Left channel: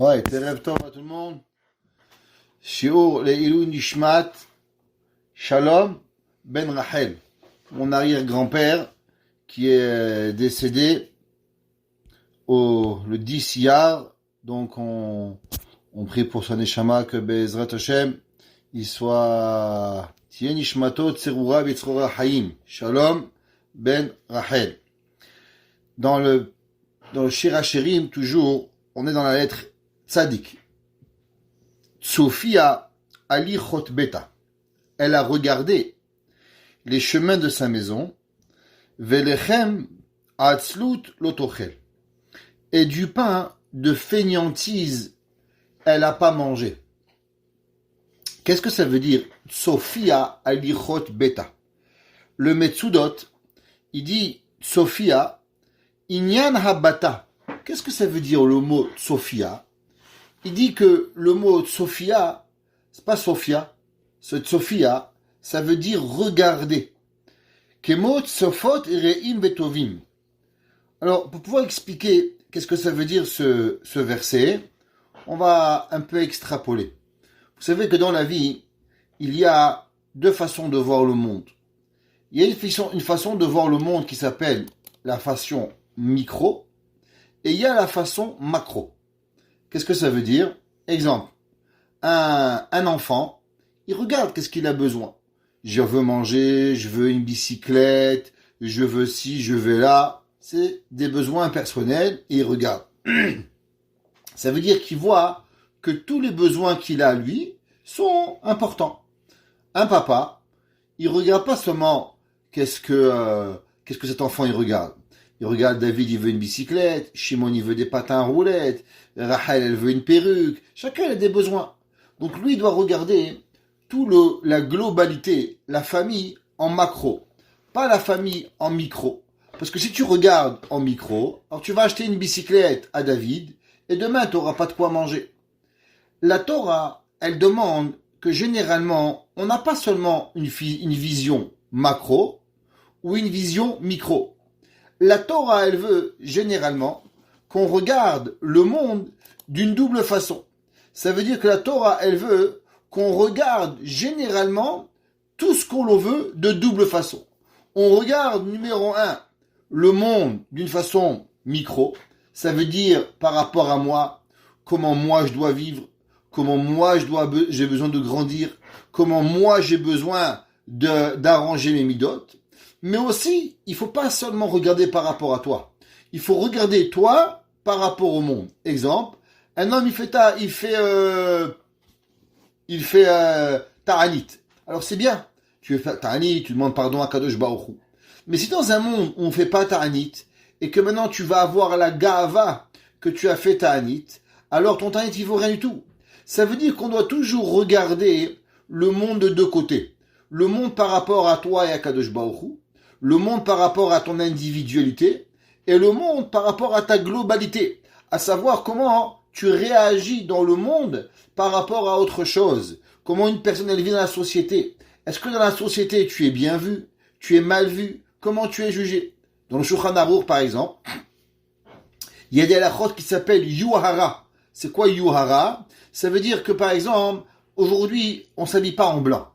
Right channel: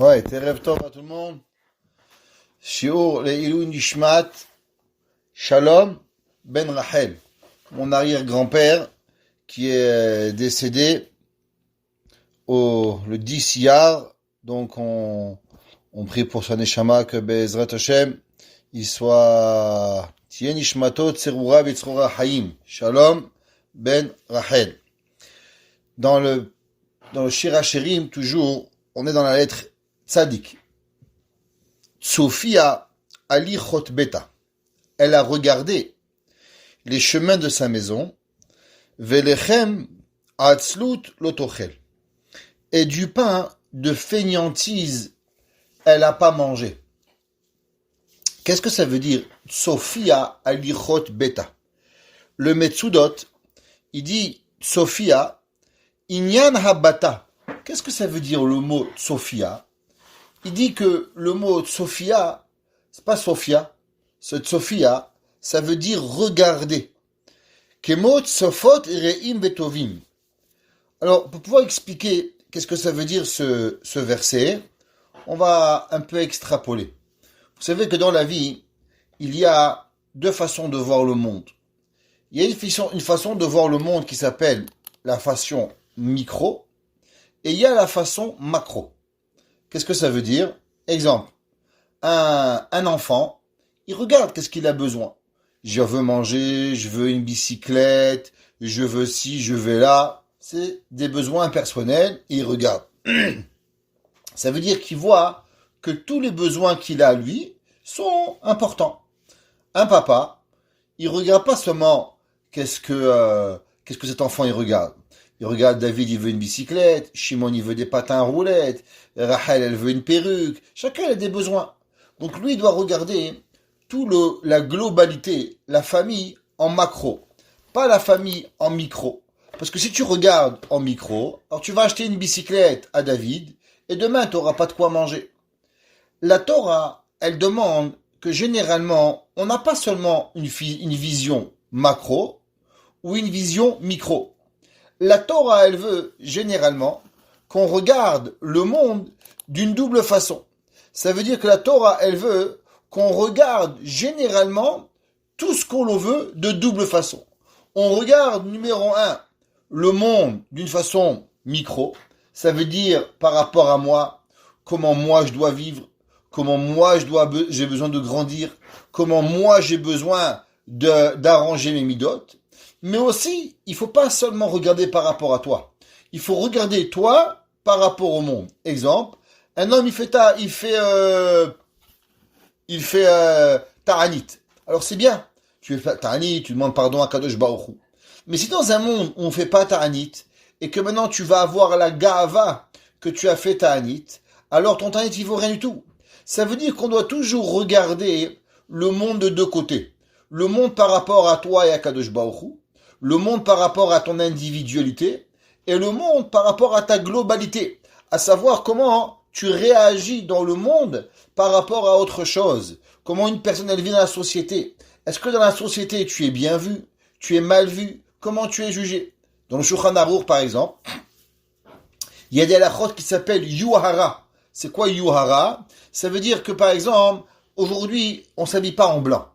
Ouais, Terev Tov à tout le monde. Shiur Leilou Nishmat Shalom Ben Rachel, mon arrière-grand-père qui est décédé le 10 Iyar. Donc on prie pour son Neshama que Bezrat Hashem il soit Tien Nishmato Tserura Vitzrora Haim. Shalom Ben Rachel. Dans le Shir HaShirim, toujours, on est dans la lettre Tzadik. Sophia Ali Chot Beta. Elle a regardé les chemins de sa maison. Velechem Atzlut Lotochel. Et du pain de fainéantise, elle n'a pas mangé. Qu'est-ce que ça veut dire Sophia Ali Chot Beta? Le Metsudot, il dit Sophia Inyan Habata. Qu'est-ce que ça veut dire le mot Sophia? Il dit que le mot Sophia, c'est pas Sophia. Ce Sophia, ça veut dire regarder. Kemot Sofot Reim Betovim. Alors, pour pouvoir expliquer qu'est-ce que ça veut dire ce verset, on va un peu extrapoler. Vous savez que dans la vie, il y a deux façons de voir le monde. Il y a une façon de voir le monde qui s'appelle la façon micro, et il y a la façon macro. Qu'est-ce que ça veut dire? Exemple, un enfant, il regarde qu'est-ce qu'il a besoin. Je veux manger, je veux une bicyclette, je veux ci, je veux là. C'est des besoins personnels et il regarde. Ça veut dire qu'il voit que tous les besoins qu'il a, lui, sont importants. Un papa, il regarde pas seulement qu'est-ce que cet enfant il regarde. Il regarde David, il veut une bicyclette, Shimon, il veut des patins à roulettes, Rachel, elle veut une perruque. Chacun a des besoins. Donc lui, il doit regarder la globalité, la famille en macro, pas la famille en micro. Parce que si tu regardes en micro, alors tu vas acheter une bicyclette à David et demain, tu n'auras pas de quoi manger. La Torah, elle demande que généralement, on n'a pas seulement une vision macro ou une vision micro. La Torah, elle veut généralement qu'on regarde le monde d'une double façon. Ça veut dire que la Torah, elle veut qu'on regarde généralement tout ce qu'on veut de double façon. On regarde, numéro 1, le monde d'une façon micro. Ça veut dire par rapport à moi, comment moi je dois vivre, comment moi j'ai besoin de grandir, comment moi j'ai besoin d'arranger mes midotes. Mais aussi, il ne faut pas seulement regarder par rapport à toi. Il faut regarder toi par rapport au monde. Exemple, un homme il fait ta'anit. Alors c'est bien. Tu fais ta'anit, tu demandes pardon à Kadosh Baruch Hu. Mais si dans un monde où on ne fait pas ta'anit, et que maintenant tu vas avoir la ga'ava que tu as fait ta'anit, alors ton ta'anit il vaut rien du tout. Ça veut dire qu'on doit toujours regarder le monde de deux côtés. Le monde par rapport à toi et à Kadosh Baruch Hu, le monde par rapport à ton individualité, et le monde par rapport à ta globalité, à savoir comment tu réagis dans le monde par rapport à autre chose, comment une personne elle vit dans la société. Est-ce que dans la société tu es bien vu, tu es mal vu, comment tu es jugé? Dans le Shulchan Aruch par exemple, il y a des halachot qui s'appellent yuhara. C'est quoi yuhara? Ça veut dire que par exemple, aujourd'hui on ne s'habille pas en blanc.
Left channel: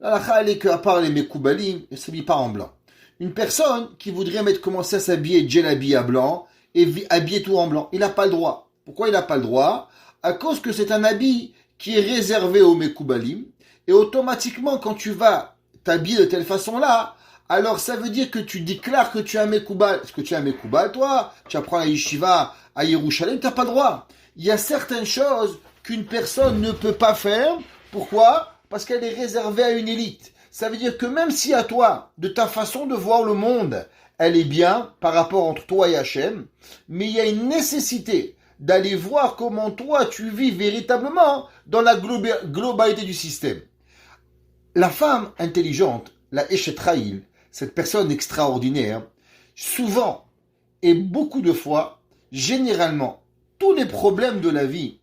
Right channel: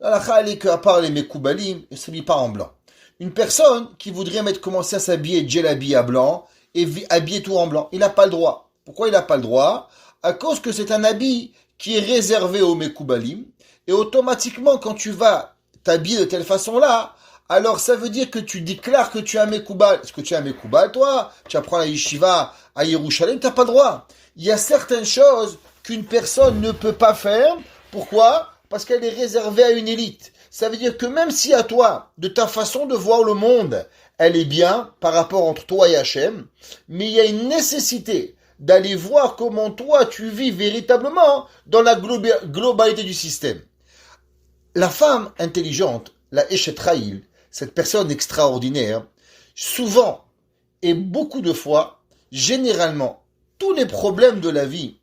L'halakha elle est qu'à part les mekoubalim, on ne s'habille pas en blanc. Une personne qui voudrait commencer à s'habiller djelabi à blanc et habiller tout en blanc, il n'a pas le droit. Pourquoi il n'a pas le droit? À cause que c'est un habit qui est réservé aux mekoubalim, et automatiquement quand tu vas t'habiller de telle façon-là, alors ça veut dire que tu déclares que tu es un mekoubal. Est-ce que tu es un mekoubal, toi? Tu apprends la yeshiva à Yerushalayim, tu n'as pas le droit. Il y a certaines choses qu'une personne ne peut pas faire. Pourquoi? Parce qu'elle est réservée à une élite. Ça veut dire que même si à toi, de ta façon de voir le monde, elle est bien par rapport entre toi et Hachem, mais il y a une nécessité d'aller voir comment toi tu vis véritablement dans la globalité du système. La femme intelligente, la Eshet Raïl, cette personne extraordinaire, souvent et beaucoup de fois, généralement, tous les problèmes de la vie,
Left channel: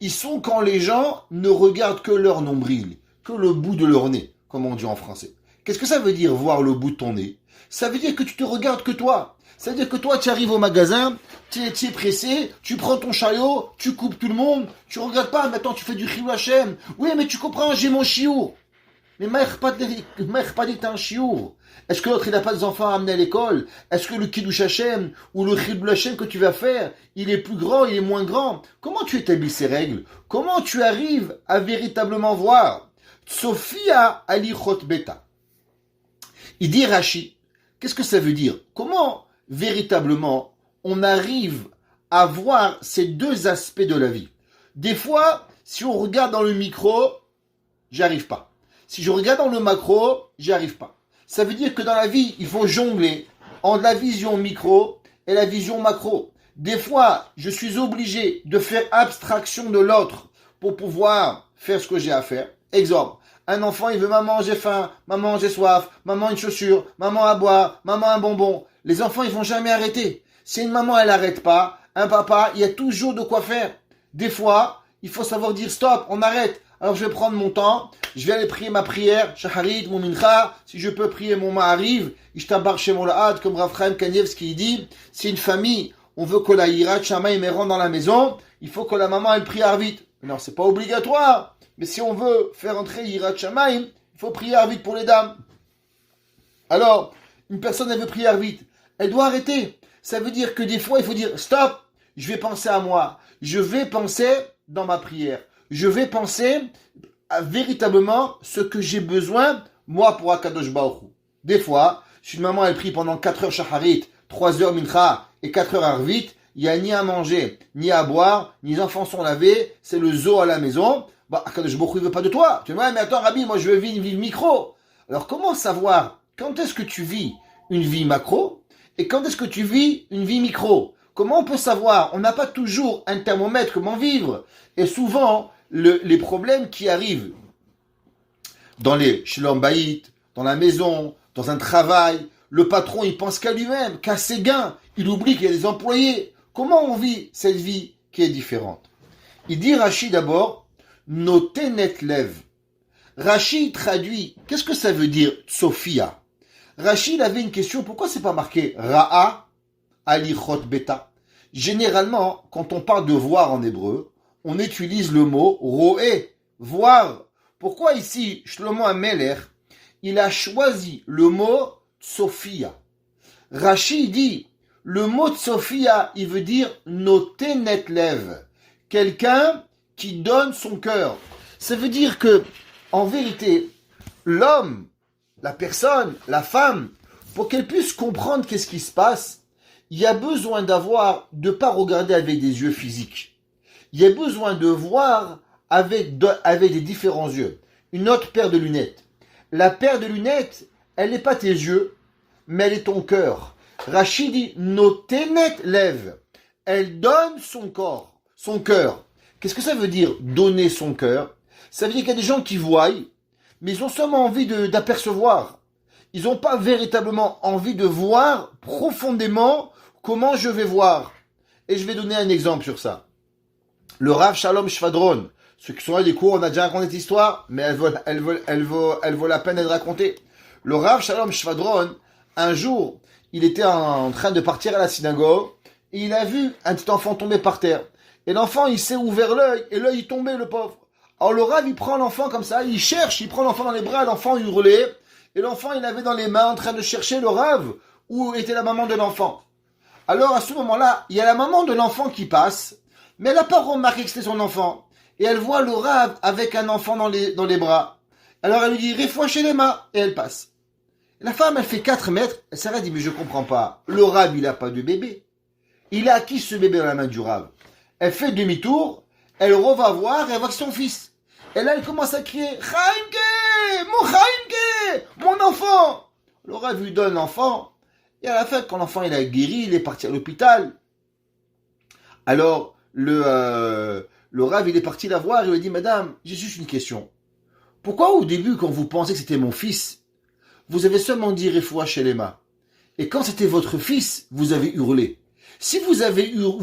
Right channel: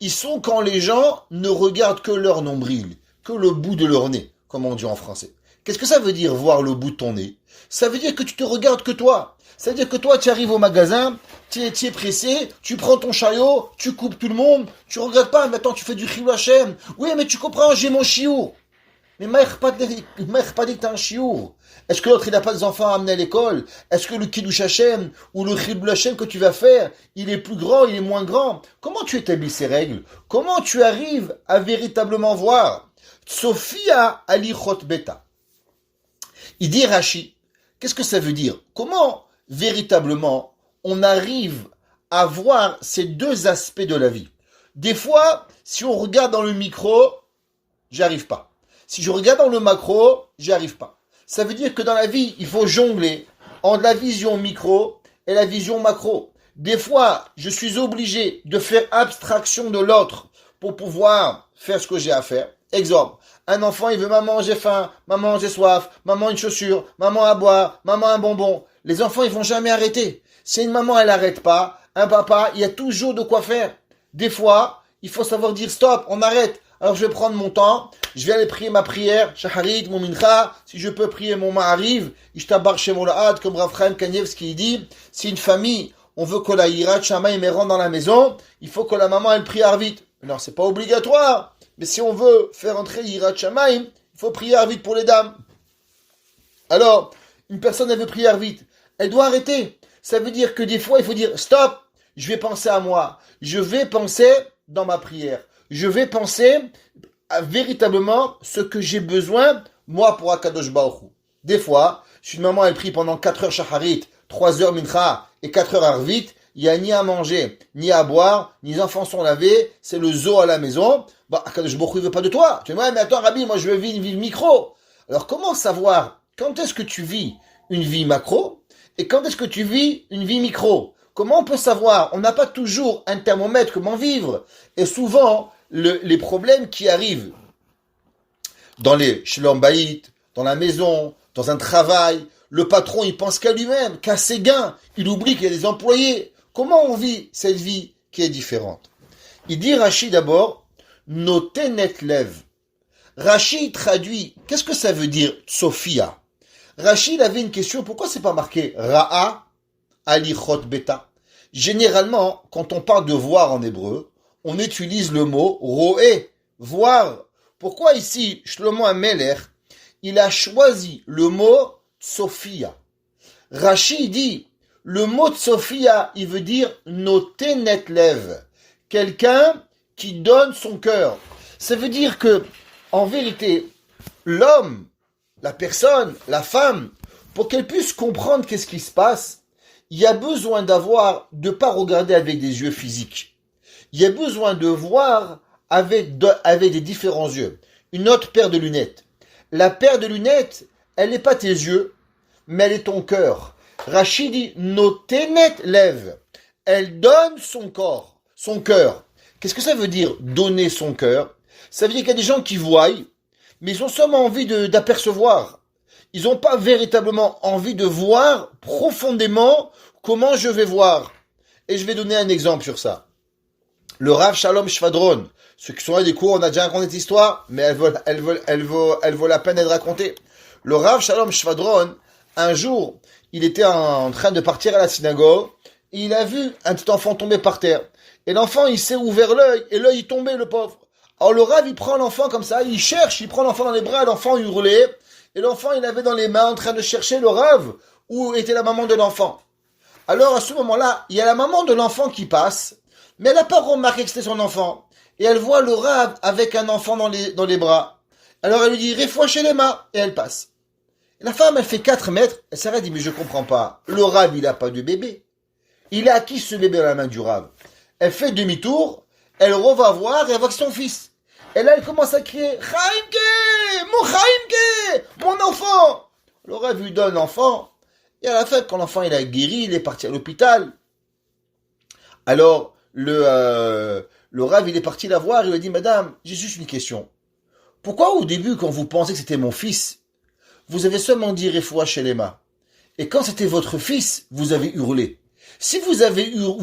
ils sont quand les gens ne regardent que leur nombril, que le bout de leur nez, comme on dit en français. Qu'est-ce que ça veut dire voir le bout de ton nez? Ça veut dire que tu te regardes que toi. Ça veut dire que toi, tu arrives au magasin, tu es pressé, tu prends ton chariot, tu coupes tout le monde, tu regardes pas, maintenant tu fais du chilou Hashem. Oui, mais tu comprends, j'ai mon chiour. Mais Maïr pas dit que t'as un chiour. Est-ce que l'autre, il n'a pas des enfants à amener à l'école? Est-ce que le Kiddush Hashem ou le Chilul Hashem que tu vas faire, il est plus grand, il est moins grand? Comment tu établis ces règles? Comment tu arrives à véritablement voir? Sophia alichot beta. Il dit Rashi, qu'est-ce que ça veut dire? Comment véritablement on arrive à voir ces deux aspects de la vie? Des fois, si on regarde dans le micro, j'y arrive pas. Si je regarde dans le macro, j'y arrive pas. Ça veut dire que dans la vie, il faut jongler entre la vision micro et la vision macro. Des fois, je suis obligé de faire abstraction de l'autre pour pouvoir faire ce que j'ai à faire. Exemple, un enfant, il veut maman, j'ai faim, maman, j'ai soif, maman, une chaussure, maman, à boire, maman, un bonbon. Les enfants, ils vont jamais arrêter. Si une maman, elle n'arrête pas, un papa, il y a toujours de quoi faire. Des fois, il faut savoir dire stop, on arrête. Alors je vais prendre mon temps, je vais aller prier ma prière, Shaharit, mon mincha, si je peux prier mon ma'ariv, Ishtabar Shemon Lahad, comme Rav Chaim Kanievski dit, si une famille, on veut que la Yirat Shamayim rentre dans la maison, il faut que la maman elle prie Arvit. Alors c'est pas obligatoire, mais si on veut faire entrer Yirat Shamayim, il faut prier Arvit pour les dames. Alors, une personne elle veut prier Arvit, elle doit arrêter. Ça veut dire que des fois il faut dire stop, je vais penser à moi, je vais penser dans ma prière. Je vais penser à véritablement ce que j'ai besoin, moi, pour Akadosh Baruch Hu. Des fois, si une maman, elle prie pendant 4 heures Shacharit, 3 heures Mincha et 4 heures Arvit, il n'y a ni à manger, ni à boire, ni les enfants sont lavés, c'est le zoo à la maison. Bah, Akadosh Baruch Hu ne veut pas de toi. Tu vois, mais attends, Rabbi, moi, je veux vivre une vie micro. Alors, comment savoir quand est-ce que tu vis une vie macro et quand est-ce que tu vis une vie micro? Comment on peut savoir? On n'a pas toujours un thermomètre, comment vivre. Et souvent, les problèmes qui arrivent dans les shalom bayit, dans la maison, dans un travail, le patron, il pense qu'à lui-même, qu'à ses gains. Il oublie qu'il y a des employés. Comment on vit cette vie qui est différente? Il dit Rashi d'abord, notenet lev. Rashi traduit, qu'est-ce que ça veut dire Sophia? Rashi, il avait une question, pourquoi c'est pas marqué Ra'a alichot beta? Généralement, quand on parle de voir en hébreu, on utilise le mot roé, voir. Pourquoi ici, Shlomo HaMelech, il a choisi le mot Sophia? Rashi dit, le mot Sophia, il veut dire notenet lev, quelqu'un qui donne son cœur. Ça veut dire que, en vérité, l'homme, la personne, la femme, pour qu'elle puisse comprendre qu'est-ce qui se passe, il y a besoin de pas regarder avec des yeux physiques. Il y a besoin de voir avec des différents yeux. Une autre paire de lunettes. La paire de lunettes, elle n'est pas tes yeux, mais elle est ton cœur. Rachid dit, notenet lev. Elle donne son corps, son cœur. Qu'est-ce que ça veut dire, donner son cœur? Ça veut dire qu'il y a des gens qui voient, mais ils ont seulement envie d'apercevoir. Ils n'ont pas véritablement envie de voir profondément comment je vais voir. Et je vais donner un exemple sur ça. Le Rav Shalom Shvadron, ceux qui sont là des cours, on a déjà raconté cette histoire, mais elle vaut la peine d'être racontée. Le Rav Shalom Shvadron, un jour, il était en train de partir à la synagogue, et il a vu un petit enfant tomber par terre. Et l'enfant, il s'est ouvert l'œil, et l'œil est tombé, le pauvre. Alors le Rav, il prend l'enfant comme ça, il cherche, il prend l'enfant dans les bras, l'enfant hurlait, et l'enfant, il avait dans les mains, en train de chercher le Rav, où était la maman de l'enfant. Alors à ce moment-là, il y a la maman de l'enfant qui passe, mais elle n'a pas remarqué que c'était son enfant. Et elle voit le Rav avec un enfant dans les bras. Alors elle lui dit, réfouachez les mains, et elle passe. Et la femme, elle fait 4 mètres, elle s'arrête, dit, mais je comprends pas, le Rav, il n'a pas de bébé. Il a acquis ce bébé dans la main du Rav. Elle fait demi-tour, elle reva voir, et elle voit que son fils. Et là, elle commence à crier, Chaimke, mon Chaimke, mon enfant. Le Rav lui donne l'enfant, et à la fin, quand l'enfant il a guéri, il est parti à l'hôpital. Alors, le Rav, il est parti la voir, il lui a dit, madame, j'ai juste une question. Pourquoi au début, quand vous pensez que c'était mon fils, vous avez seulement dit Refoua Shelema, et quand c'était votre fils, vous avez hurlé? Si vous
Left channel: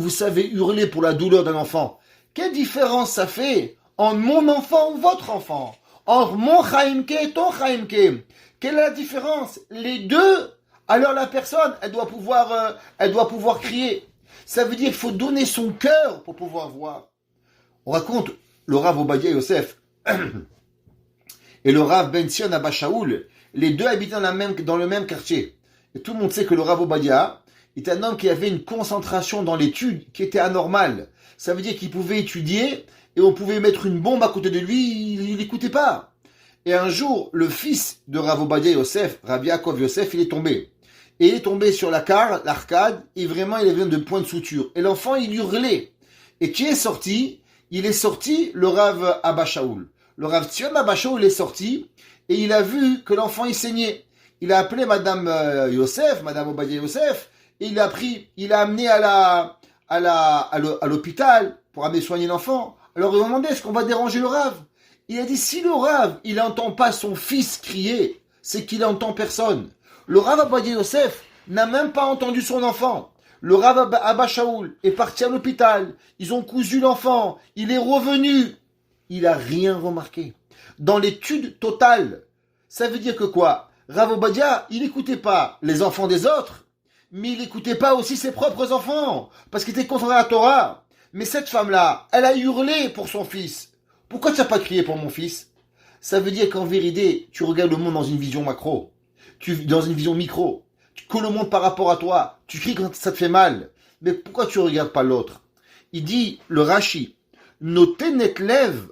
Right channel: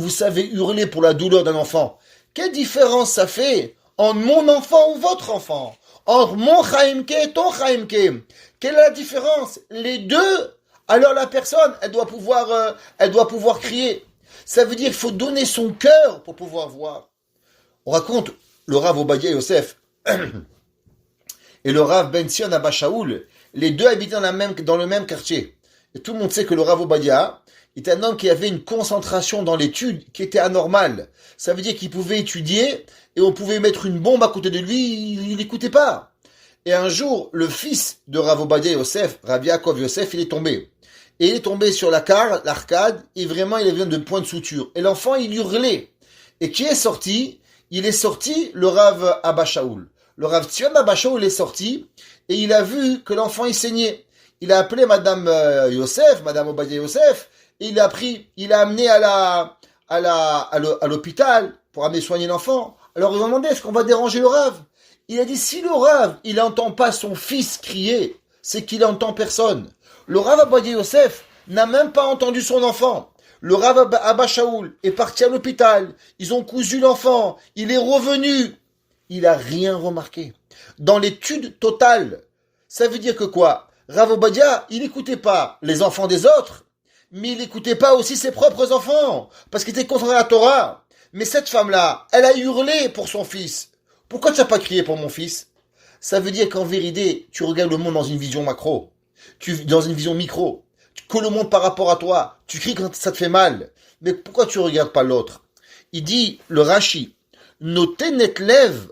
savez hurler pour la douleur d'un enfant, quelle différence ça fait entre mon enfant ou votre enfant? Entre mon Chaimke et ton Chaimke? Quelle est la différence? Les deux, alors la personne, elle doit pouvoir crier. Ça veut dire qu'il faut donner son cœur pour pouvoir voir. On raconte le Rav Obadia Yosef et le Rav Ben Sion Abba Shaul, les deux habitaient dans le même quartier. Et tout le monde sait que le Rav Obadia est un homme qui avait une concentration dans l'étude qui était anormale. Ça veut dire qu'il pouvait étudier et on pouvait mettre une bombe à côté de lui, il n'écoutait pas. Et un jour, le fils de Rav Obadia Yosef, Rav Yaakov Yosef, il est tombé. Et il est tombé sur l'arcade, et vraiment il avait de points de suture. Et l'enfant, il hurlait. Et qui est sorti? Il est sorti le Rav Abba Shaul. Le Rav Tzion Abba Shaul est sorti, et il a vu que l'enfant, il saignait. Il a appelé Madame Yosef, Madame Obadia Yosef, et il a amené à l'hôpital pour amener soigner l'enfant. Alors ils ont demandé, est-ce qu'on va déranger le Rav? Il a dit, si le Rav, il n'entend pas son fils crier, c'est qu'il n'entend personne. Le Rav Obadia Yosef n'a même pas entendu son enfant. Le Rav Abba Shaul est parti à l'hôpital. Ils ont cousu l'enfant. Il est revenu. Il n'a rien remarqué. Dans l'étude totale, ça veut dire que quoi? Rav Obadia, il n'écoutait pas les enfants des autres, mais il n'écoutait pas aussi ses propres enfants, parce qu'il était contraire à la Torah. Mais cette femme-là, elle a hurlé pour son fils. Pourquoi tu n'as pas crié pour mon fils? Ça veut dire qu'en vérité, tu regardes le monde dans une vision macro, dans une vision micro, que le monde par rapport à toi, tu cries quand ça te fait mal. Mais pourquoi tu ne regardes pas l'autre? Il dit, le Rashi, Notenet lev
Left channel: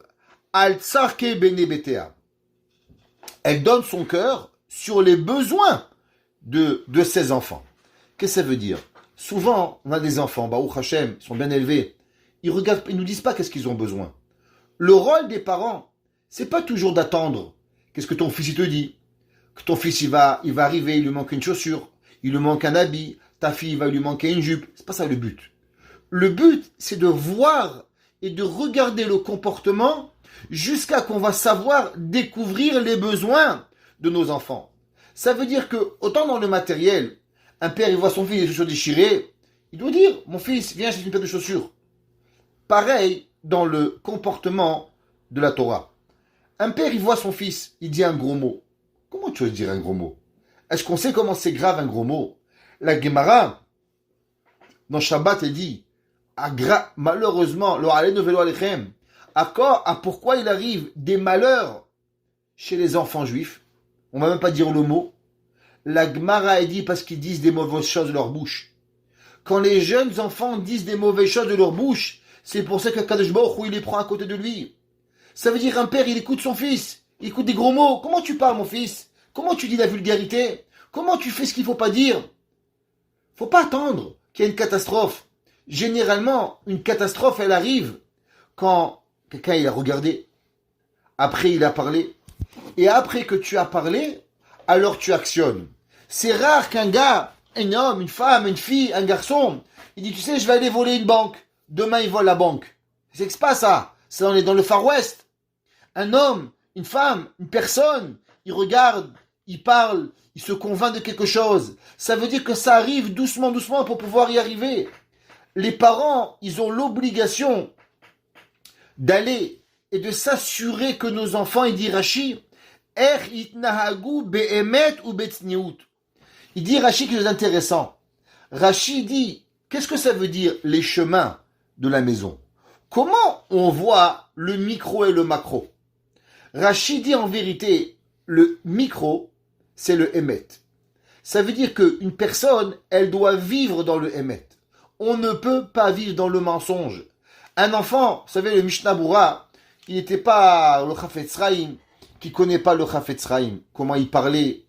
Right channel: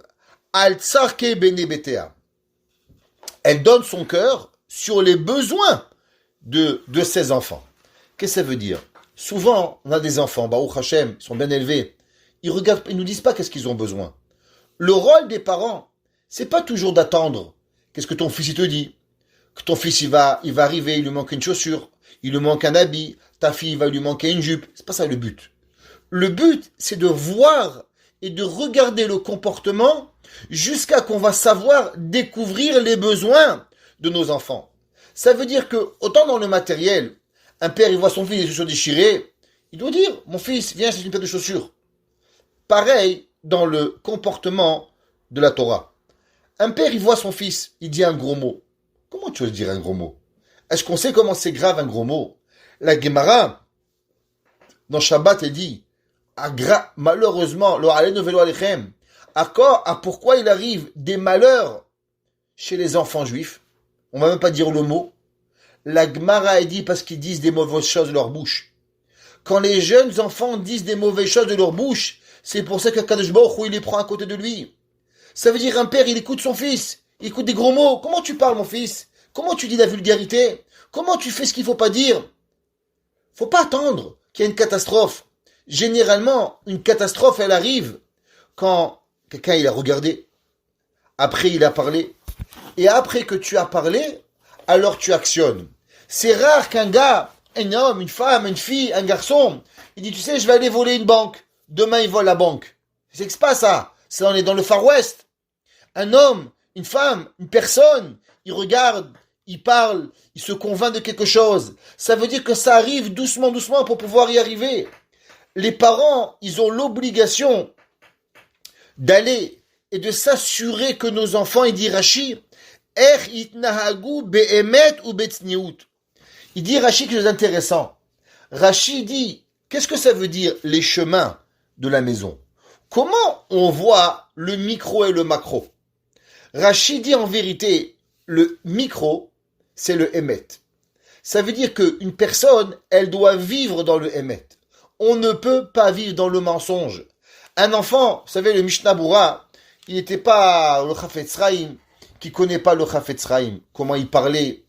al tsarke bene betea. Elle donne son cœur sur les besoins de ses enfants. Qu'est-ce que ça veut dire? Souvent, on a des enfants, Baruch Hashem, ils sont bien élevés. Ils nous disent pas qu'est-ce qu'ils ont besoin. Le rôle des parents, c'est pas toujours d'attendre. Qu'est-ce que ton fils il te dit? Que ton fils il va arriver, il lui manque une chaussure, il lui manque un habit, ta fille il va lui manquer une jupe. C'est pas ça le but. Le but, c'est de voir et de regarder le comportement jusqu'à qu'on va savoir découvrir les besoins de nos enfants. Ça veut dire que, autant dans le matériel, un père il voit son fils les chaussures déchirées, il doit dire, mon fils, viens, c'est une paire de chaussures. Pareil dans le comportement de la Torah. Un père, il voit son fils, il dit un gros mot. Comment tu veux dire un gros mot? Est-ce qu'on sait comment c'est grave un gros mot? La Gemara, dans Shabbat, elle dit, malheureusement, pourquoi il arrive des malheurs chez les enfants juifs? On va même pas dire le mot. La Gemara, elle dit parce qu'ils disent des mauvaises choses de leur bouche. Quand les jeunes enfants disent des mauvaises choses de leur bouche, c'est pour ça que Kadosh Baruch Hu, il les prend à côté de lui. Ça veut dire un père, il écoute son fils, il écoute des gros mots. Comment tu parles, mon fils? Comment tu dis la vulgarité? Comment tu fais ce qu'il faut pas dire? Faut pas attendre qu'il y ait une catastrophe. Généralement, une catastrophe, elle arrive quand quelqu'un il a regardé, après il a parlé, et après que tu as parlé, alors tu actionnes. C'est rare qu'un gars, un homme, une femme, une fille, un garçon, il dit, tu sais, je vais aller voler une banque. Demain, il vole la banque. C'est pas ça. C'est dans le Far West. Un homme, une femme, une personne, il regarde, il parle, il se convainc de quelque chose. Ça veut dire que ça arrive doucement, doucement pour pouvoir y arriver. Les parents, ils ont l'obligation d'aller et de s'assurer que nos enfants, il dit Rashi, itnahagu be'emet ou be'tzniut. Il dit Rashi quelque chose d'intéressant. Rashi dit, qu'est-ce que ça veut dire les chemins de la maison? Comment on voit le micro et le macro? Rashi dit en vérité, le micro, c'est le émet. Ça veut dire qu'une personne, elle doit vivre dans le émet. On ne peut pas vivre dans le mensonge. Un enfant, vous savez, le Mishnah Bura, il n'était pas le Chafetz Chaim, qui ne connaît pas le Chafetz Chaim, comment il parlait,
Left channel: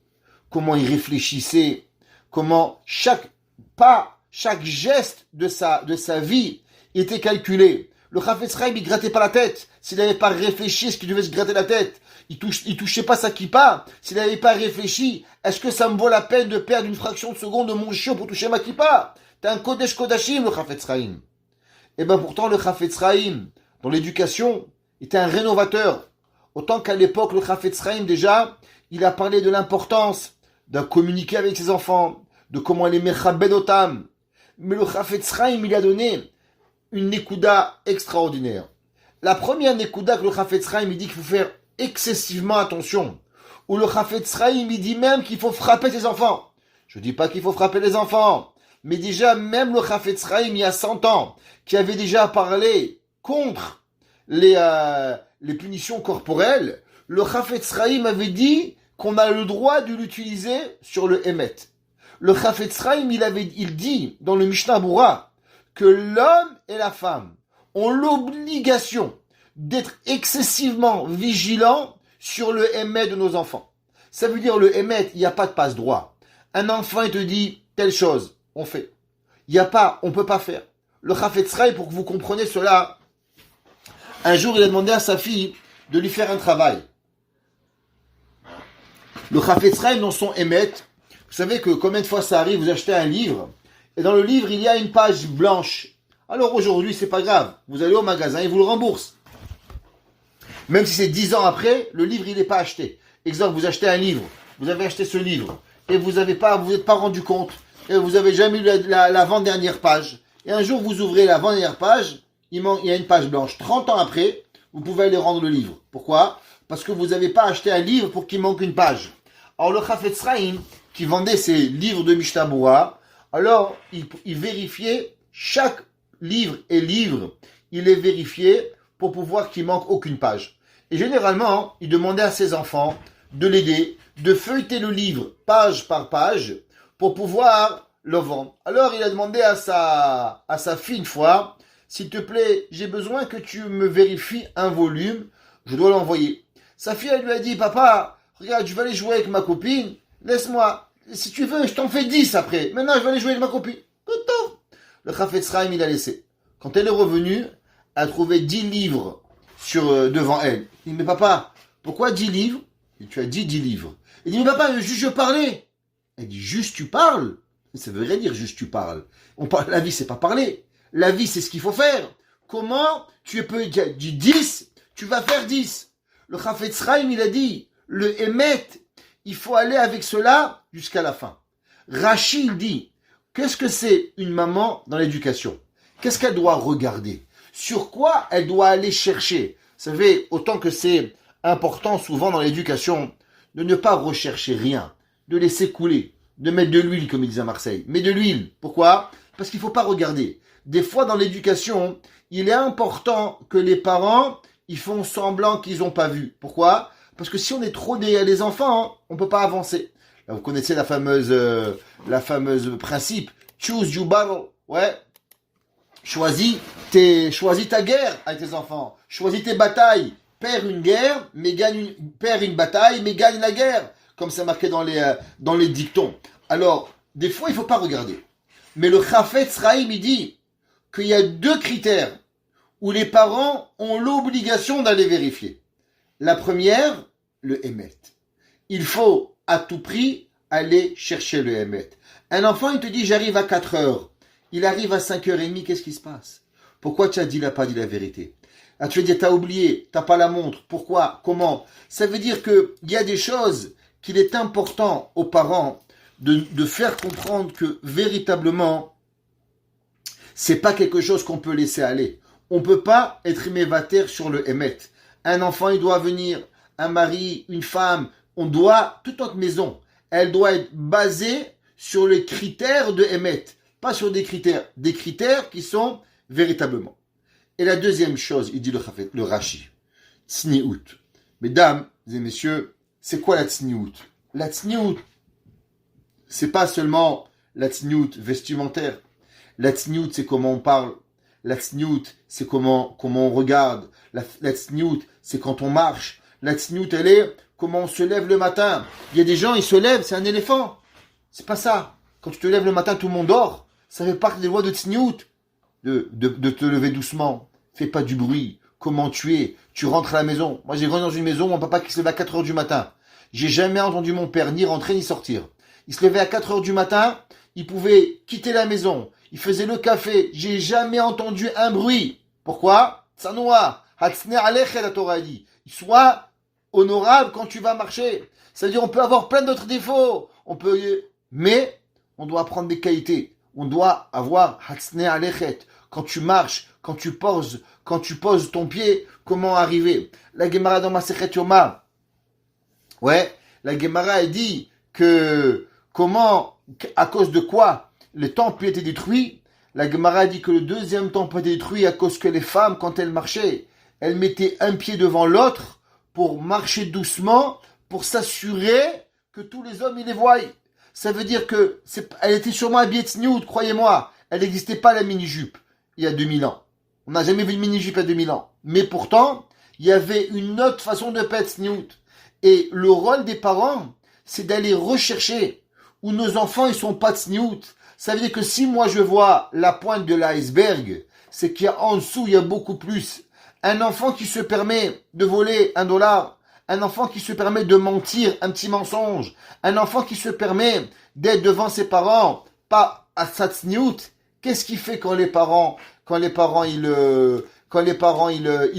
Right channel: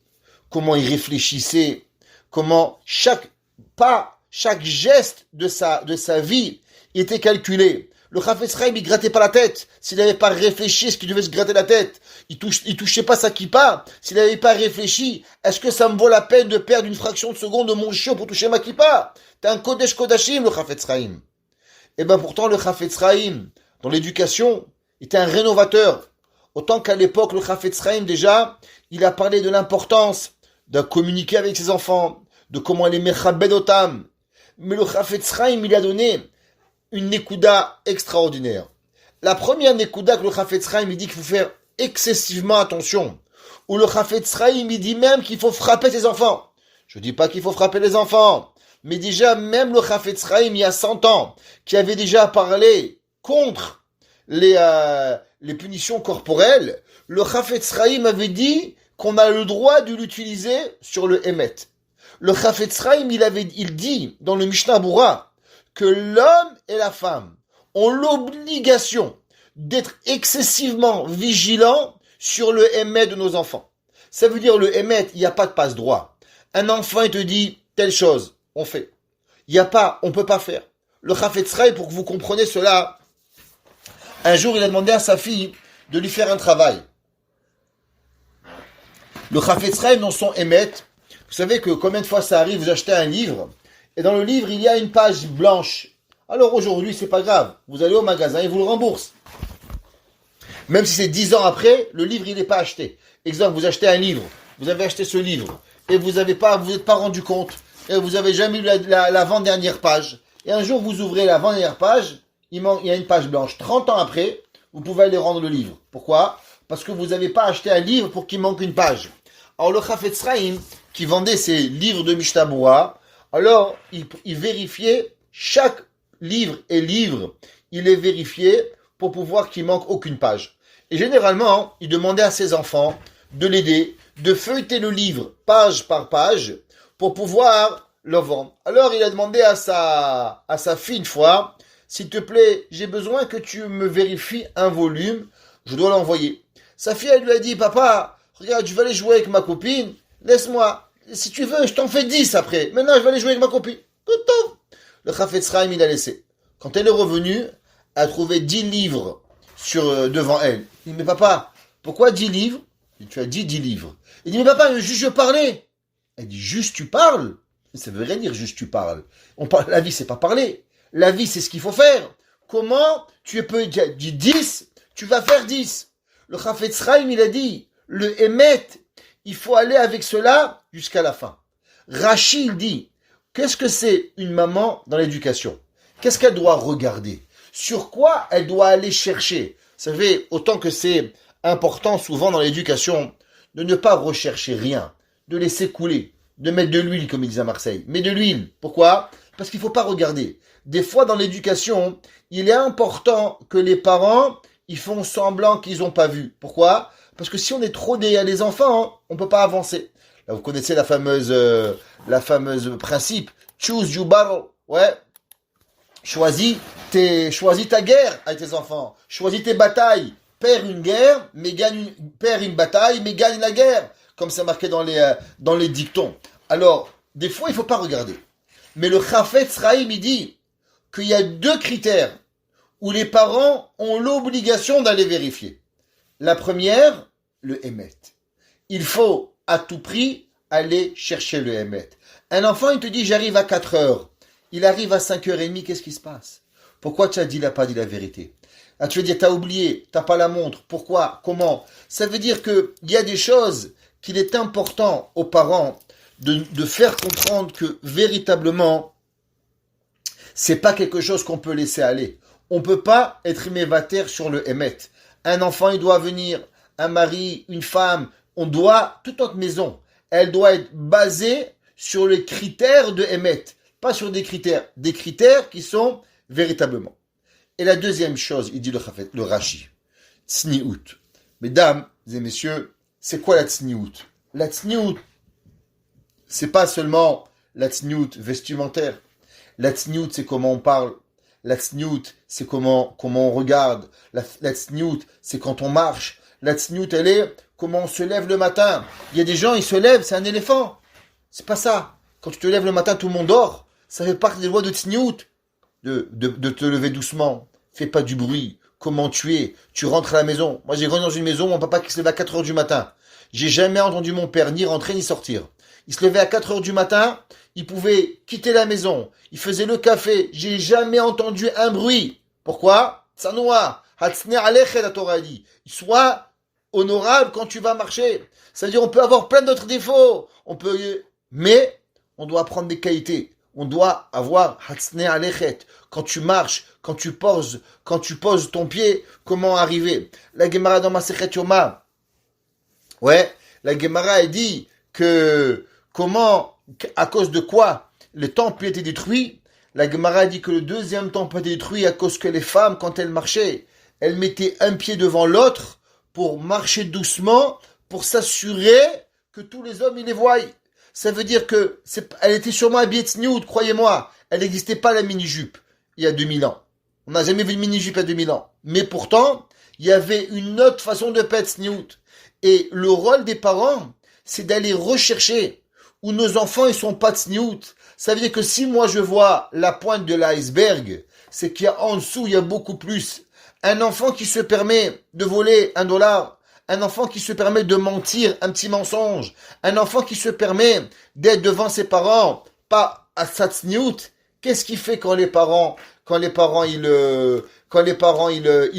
comment il réfléchissait, comment chaque pas, chaque geste de sa vie était calculé. Le Chafetz Chaim, il grattait pas la tête. S'il n'avait pas réfléchi, est-ce qu'il devait se gratter la tête? Il touchait pas sa kippa. S'il n'avait pas réfléchi, est-ce que ça me vaut la peine de perdre une fraction de seconde de mon chiot pour toucher ma kippa? T'es un Kodesh Kodashim, le Chafetz Chaim. Et ben pourtant, le Chafetz Chaim, dans l'éducation, était un rénovateur. Autant qu'à l'époque, le Chafetz Chaim, déjà, il a parlé de l'importance de communiquer avec ses enfants, de comment les mechabed otam. Mais le Chafetz Chaim, il a donné une nekuda extraordinaire. La première nekuda que le Chafetz Chaim, il dit qu'il faut faire excessivement attention où le Chafetz Chaim, il dit même qu'il faut frapper ses enfants. Je dis pas qu'il faut frapper les enfants, mais déjà, même le Chafetz Chaim, il y a 100 ans, qui avait déjà parlé contre les punitions corporelles, le Chafetz Chaim avait dit qu'on a le droit de l'utiliser sur le Emet. Le Chafetz Chaim, il dit dans le Mishnah Berurah que l'homme et la femme ont l'obligation d'être excessivement vigilants sur le Emet de nos enfants. Ça veut dire le Emet, il n'y a pas de passe-droit. Un enfant, il te dit telle chose, on fait. Il n'y a pas, on ne peut pas faire. Le Chafetz Chaim, pour que vous compreniez cela, un jour, il a demandé à sa fille de lui faire un travail. Le Chafetz Chaim, dans son Emet, vous savez que combien de fois ça arrive, vous achetez un livre, et dans le livre, il y a une page blanche. Alors aujourd'hui, c'est pas grave. Vous allez au magasin, ils vous le remboursent. Même si c'est 10 ans après, le livre, il n'est pas acheté. Exemple, vous achetez un livre, vous avez acheté ce livre, et vous n'êtes pas rendu compte, et vous n'avez jamais lu l'avant-dernière page. Et un jour, vous ouvrez l'avant-dernière page, il y a une page blanche. 30 ans après, vous pouvez aller rendre le livre. Pourquoi ? Parce que vous n'avez pas acheté un livre pour qu'il manque une page. Alors le Chafetz Chaim, qui vendait ses livres de Mishnah Berurah, alors il vérifiait chaque livre et livre, il les vérifiait pour pouvoir qu'il manque aucune page. Et généralement, il demandait à ses enfants de l'aider, de feuilleter le livre page par page pour pouvoir le vendre. Alors il a demandé à sa fille une fois, s'il te plaît, j'ai besoin que tu me vérifies un volume, je dois l'envoyer. Sa fille, elle lui a dit, papa, regarde, je vais aller jouer avec ma copine, laisse-moi, si tu veux, je t'en fais 10 après. Maintenant, je vais aller jouer avec ma copine. Tout. Le Chafetz Chaim, il a laissé. Quand elle est revenue, elle a trouvé 10 livres devant elle. Il dit, mais papa, pourquoi 10 livres ? Tu as dit 10 livres. Il dit, mais papa, juste je parlais. Elle dit, juste tu parles ? Ça veut rien dire juste tu parles. La vie, c'est pas parler. La vie, c'est ce qu'il faut faire. Comment tu peux dire 10, tu vas faire 10. Le Chafetz Chaim, il a dit, le Emet, il faut aller avec cela jusqu'à la fin. Rashi, il dit, qu'est-ce que c'est une maman dans l'éducation ? Qu'est-ce qu'elle doit regarder ? Sur quoi elle doit aller chercher ? Vous savez, autant que c'est important souvent dans l'éducation, de ne pas rechercher rien, de laisser couler, de mettre de l'huile, comme ils disent à Marseille. Mais de l'huile, pourquoi ? Parce qu'il ne faut pas regarder. Des fois, dans l'éducation, il est important que les parents, ils font semblant qu'ils n'ont pas vu. Pourquoi ? Parce que si on est trop derrière les enfants, on ne peut pas avancer. Là, vous connaissez la fameuse principe. Choose your battle. Ouais. Choisis ta guerre avec tes enfants. Choisis tes batailles. Perds une guerre, mais perds une bataille, mais gagne la guerre. Comme c'est marqué dans les dictons. Alors, des fois, il ne faut pas regarder. Mais le Chafetz Chaim, il dit qu'il y a 2 critères où les parents ont l'obligation d'aller vérifier. La première, le Emet. Il faut à tout prix aller chercher le Emet. Un enfant, il te dit, j'arrive à 4 heures. Il arrive à 5h30, qu'est-ce qui se passe ? Pourquoi tu n'as pas dit la vérité ? Ah, tu veux dire, tu as oublié, tu n'as pas la montre. Pourquoi ? Comment ? Ça veut dire qu'il y a des choses qu'il est important aux parents de faire comprendre que véritablement, c'est pas quelque chose qu'on peut laisser aller. On ne peut pas être mévater sur le Emet. Un enfant, il doit venir, un mari, une femme, toute notre maison, elle doit être basée sur les critères de Emet, pas sur des critères qui sont véritablement. Et la deuxième chose, il dit le Rashi, tsniout. Mesdames et messieurs, c'est quoi la tsniout ? La tsniout, c'est pas seulement la tsniout vestimentaire. La tsniout, c'est comment on parle. La tsniout, c'est comment on regarde. La tsniout, c'est quand on marche. La tsniout, elle est comment on se lève le matin. Il y a des gens, ils se lèvent, c'est un éléphant. C'est pas ça. Quand tu te lèves le matin, tout le monde dort. Ça fait partie des lois de tsniout. De te lever doucement. Fais pas du bruit. Comment tu es. Tu rentres à la maison. Moi, j'ai grandi dans une maison où mon papa qui se levait à 4 heures du matin. J'ai jamais entendu mon père ni rentrer ni sortir. Il se levait à 4 heures du matin. Il pouvait quitter la maison. Il faisait le café. J'ai jamais entendu un bruit. Pourquoi ? Tsanoua. Hatsne alechet, la Torah dit. Sois honorable quand tu vas marcher. C'est-à-dire, on peut avoir plein d'autres défauts. Mais on doit apprendre des qualités. On doit avoir hatsne alechet. Quand tu marches, quand tu poses ton pied, comment arriver ? La Gemara dans Masechet Yoma. Ouais. La Gemara dit que à cause de quoi le temple a été détruit. La Gemara dit que le deuxième temple a été détruit à cause que les femmes, quand elles marchaient, elles mettaient un pied devant l'autre pour marcher doucement, pour s'assurer que tous les hommes ils les voient. Ça veut dire que elle était sûrement habillée de sniout, croyez-moi. Elle n'existait pas la mini-jupe il y a 2000 ans. On n'a jamais vu une mini-jupe il y a 2000 ans. Mais pourtant, il y avait une autre façon de pas être sniout. Et le rôle des parents, c'est d'aller rechercher où nos enfants ils sont pas de sniout. Ça veut dire que si moi je vois la pointe de l'iceberg, c'est qu'il y a en dessous, il y a beaucoup plus. Un enfant qui se permet de voler $1, un enfant qui se permet de mentir un petit mensonge, un enfant qui se permet d'être devant ses parents, pas à sa tsniout, qu'est-ce qu'il fait quand les parents ils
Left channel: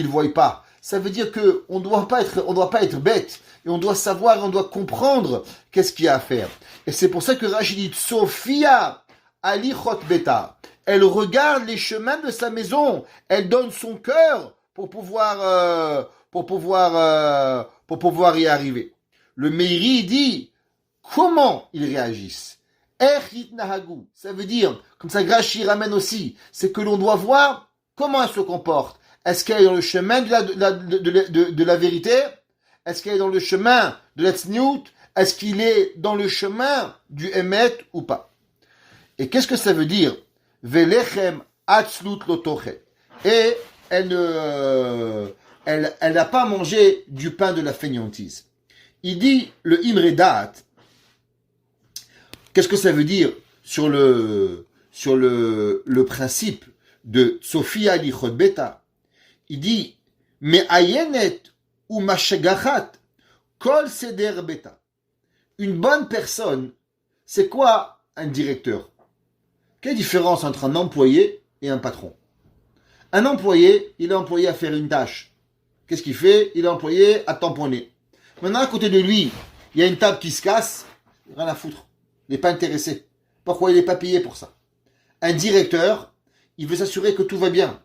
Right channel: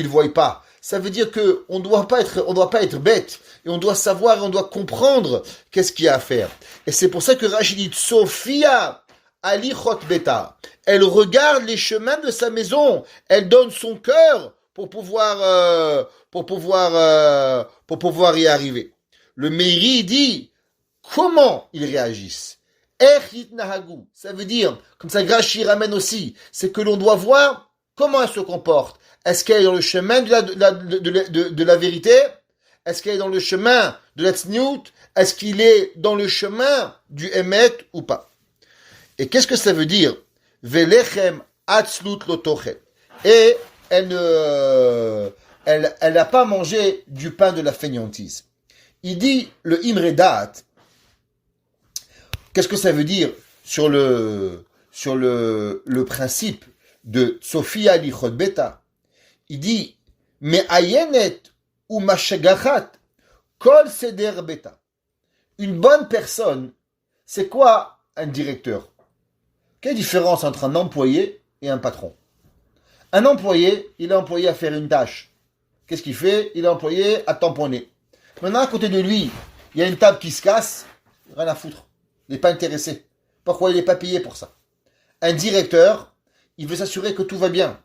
voient pas? Ça veut dire que on doit pas être bête, et on doit savoir, et on doit comprendre qu'est-ce qu'il y a à faire. Et c'est pour ça que Rachid dit, Sophia Ali Beta. Elle regarde les chemins de sa maison, elle donne son cœur pour pouvoir y arriver. Le Meiri dit comment ils réagissent. Ça veut dire, comme ça Rashi ramène aussi, c'est que l'on doit voir comment elle se comporte. Est-ce qu'elle est dans le chemin de la vérité? Est-ce qu'elle est dans le chemin de la tzniut? Est-ce qu'il est dans le chemin du emet ou pas? Et qu'est-ce que ça veut dire? Velechem atzlut lotochet. Et elle n'a pas mangé du pain de la fainéantise. Il dit le imredat. Qu'est-ce que ça veut dire sur le principe de Sophia lichot beta? Il dit me'ayenet ou mashagachat kol seder beta. Une bonne personne, c'est quoi un directeur? Quelle différence entre un employé et un patron? Un employé, il est employé à faire une tâche. Qu'est-ce qu'il fait? Il est employé à tamponner. Maintenant, à côté de lui, il y a une table qui se casse, rien à foutre. Il n'est pas intéressé. Pourquoi il n'est pas payé pour ça? Un directeur, il veut s'assurer que tout va bien.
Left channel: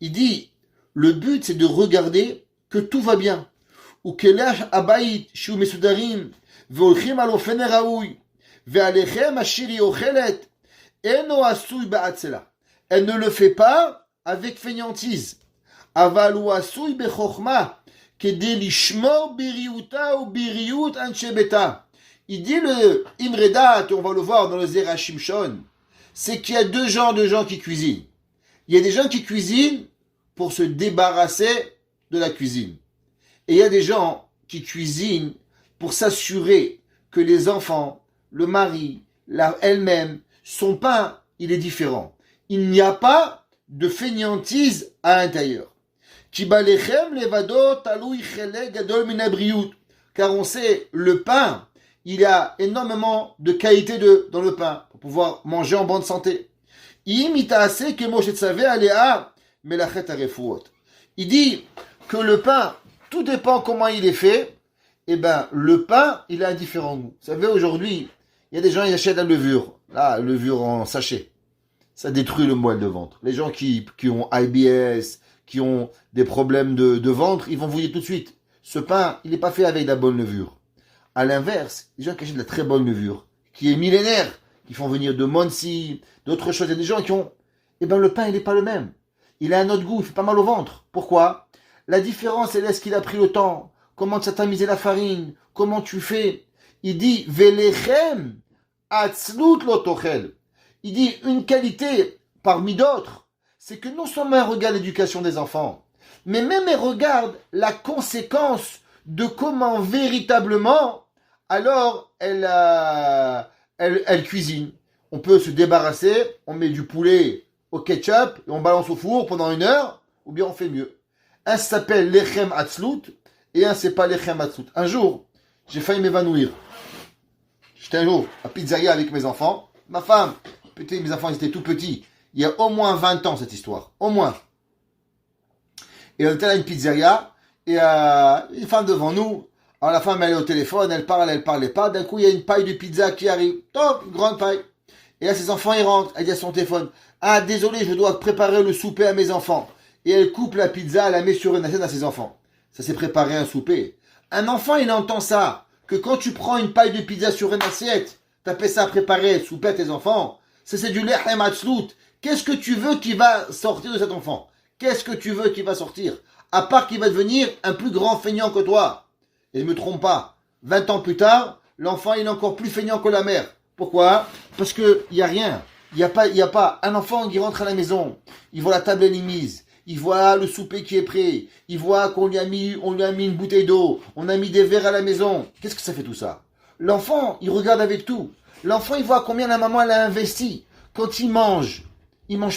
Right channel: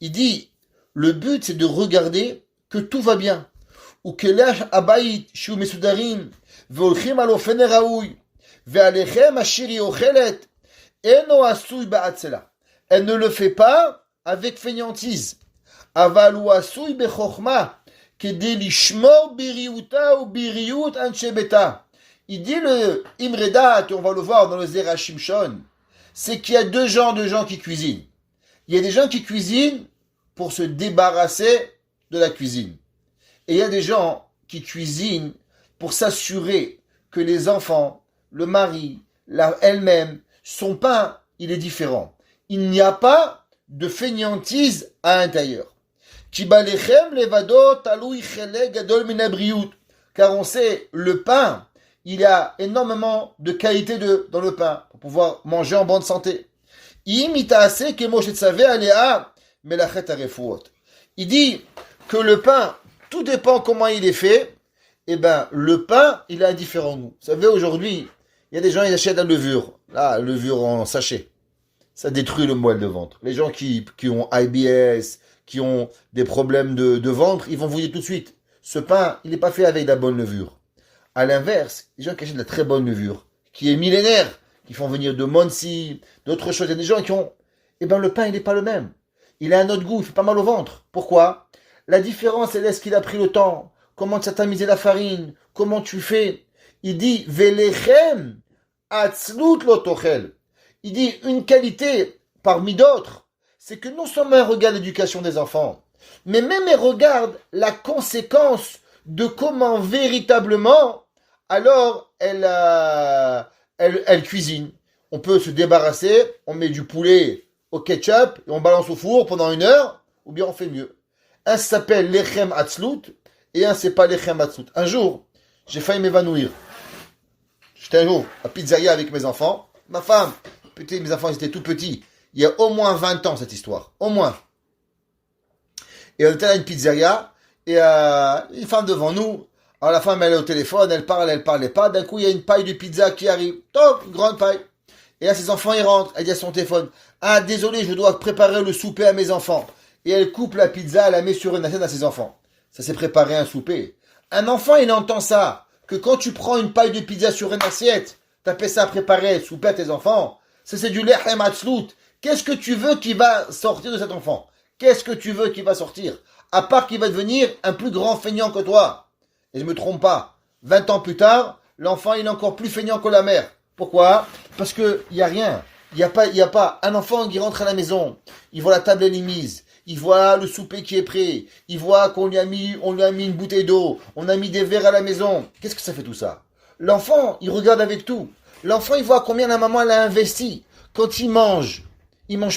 Il dit, le but c'est de regarder que tout va bien. Ou kelach abayit shu mesudarim veolchim al ofen raoui ve'alechem ashiri ochelet eno asui ba'atzela. Elle ne le fait pas avec fainéantise. Avalou asui bechokhma kedei lishmor biriuta ou biriut anshe beta. Il dit le Imredat, et on va le voir dans le Zera Shimshon, c'est qu'il y a deux genres de gens qui cuisinent. Il y a des gens qui cuisinent pour se débarrasser de la cuisine. Et il y a des gens qui cuisinent pour s'assurer que les enfants, le mari, elle-même, son pain, il est différent. Il n'y a pas de fainéantise à l'intérieur. Car on sait, le pain, il y a énormément de qualité dans le pain pour pouvoir manger en bonne santé. Il dit que le pain, tout dépend comment il est fait. Eh ben, le pain, il a un différent goût. Vous savez, aujourd'hui, il y a des gens, ils achètent la levure. Là, levure en sachet. Ça détruit le moelle de ventre. Les gens qui ont IBS, qui ont des problèmes de ventre, ils vont vous dire tout de suite, ce pain, il n'est pas fait avec de la bonne levure. À l'inverse, les gens qui achètent de la très bonne levure, qui est millénaire, qui font venir de Monsi, d'autres choses, il y a des gens qui ont... Eh bien, le pain, il n'est pas le même. Il a un autre goût, il fait pas mal au ventre. Pourquoi? La différence, elle est ce qu'il a pris le temps. Comment tu as tamisé la farine? Comment tu fais? Il dit, Velechem atzlut lotochel. Il dit, une qualité parmi d'autres, c'est que non seulement elle regarde l'éducation des enfants, mais même elle regarde la conséquence de comment véritablement, alors elle cuisine. On peut se débarrasser, on met du poulet au ketchup et on balance au four pendant 1 heure, ou bien on fait mieux. Un s'appelle lechem atzlut et un c'est pas lechem atzlut. Un jour, j'ai failli m'évanouir. J'étais un jour à pizzeria avec mes enfants. Ma femme, mes enfants ils étaient tout petits. Il y a au moins 20 ans cette histoire. Au moins. Et on était à une pizzeria et une femme devant nous. Alors la femme elle est au téléphone, elle parlait pas. D'un coup il y a une paille de pizza qui arrive. Top, une grande paille. Et là ses enfants ils rentrent. Elle dit à son téléphone, ah désolé je dois préparer le souper à mes enfants. Et elle coupe la pizza, elle la met sur une assiette à ses enfants. Ça s'est préparé un souper. Un enfant il entend ça. que quand tu prends une paille de pizza sur une assiette, t'appelles ça à préparer, souper à tes enfants, ça c'est du lechem atzlut. Qu'est-ce que tu veux qui va sortir de cet enfant? Qu'est-ce que tu veux qui va sortir? À part qu'il va devenir un plus grand feignant que toi. Et je me trompe pas. 20 ans plus tard, l'enfant il est encore plus feignant que la mère. Pourquoi? Parce que il y a rien. Il y a pas un enfant qui rentre à la maison. Il voit la table elle est mise. Il voit le souper qui est prêt. Il voit qu'on lui a mis une bouteille d'eau. On a mis des verres à la maison. Qu'est-ce que ça fait tout ça? L'enfant, il regarde avec tout. L'enfant, il voit combien la maman elle a investi. Quand il mange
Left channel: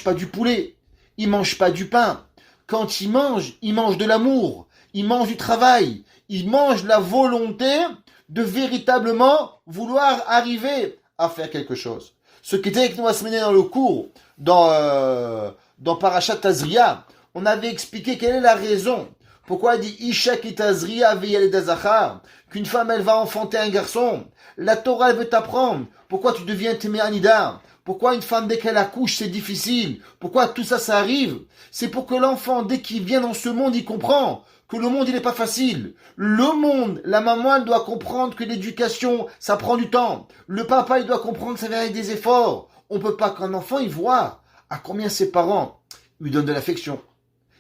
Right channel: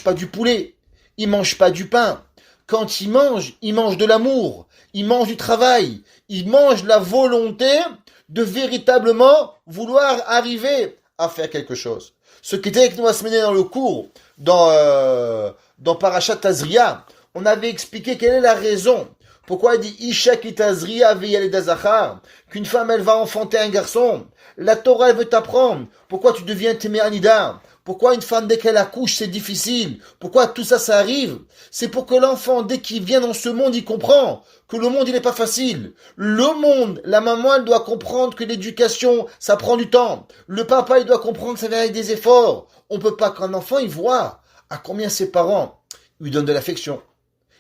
pas du poulet. Il mange pas du pain. Quand il mange de l'amour. Il mange du travail. Il mange la volonté de véritablement vouloir arriver à faire quelque chose. Ce qui était avec nous la semaine dans le cours, dans Parashat Tazria, on avait expliqué quelle est la raison. Pourquoi il dit Isha ki Tazria veyalidazachar, qu'une femme elle va enfanter un garçon. La Torah elle veut t'apprendre. Pourquoi tu deviens Téméanida? Pourquoi une femme dès qu'elle accouche c'est difficile? Pourquoi tout ça arrive? C'est pour que l'enfant dès qu'il vient dans ce monde il comprend que le monde il n'est pas facile. Le monde, la maman elle doit comprendre que l'éducation ça prend du temps. Le papa il doit comprendre que ça vient avec des efforts. On peut pas qu'un enfant il voit à combien ses parents lui donnent de l'affection,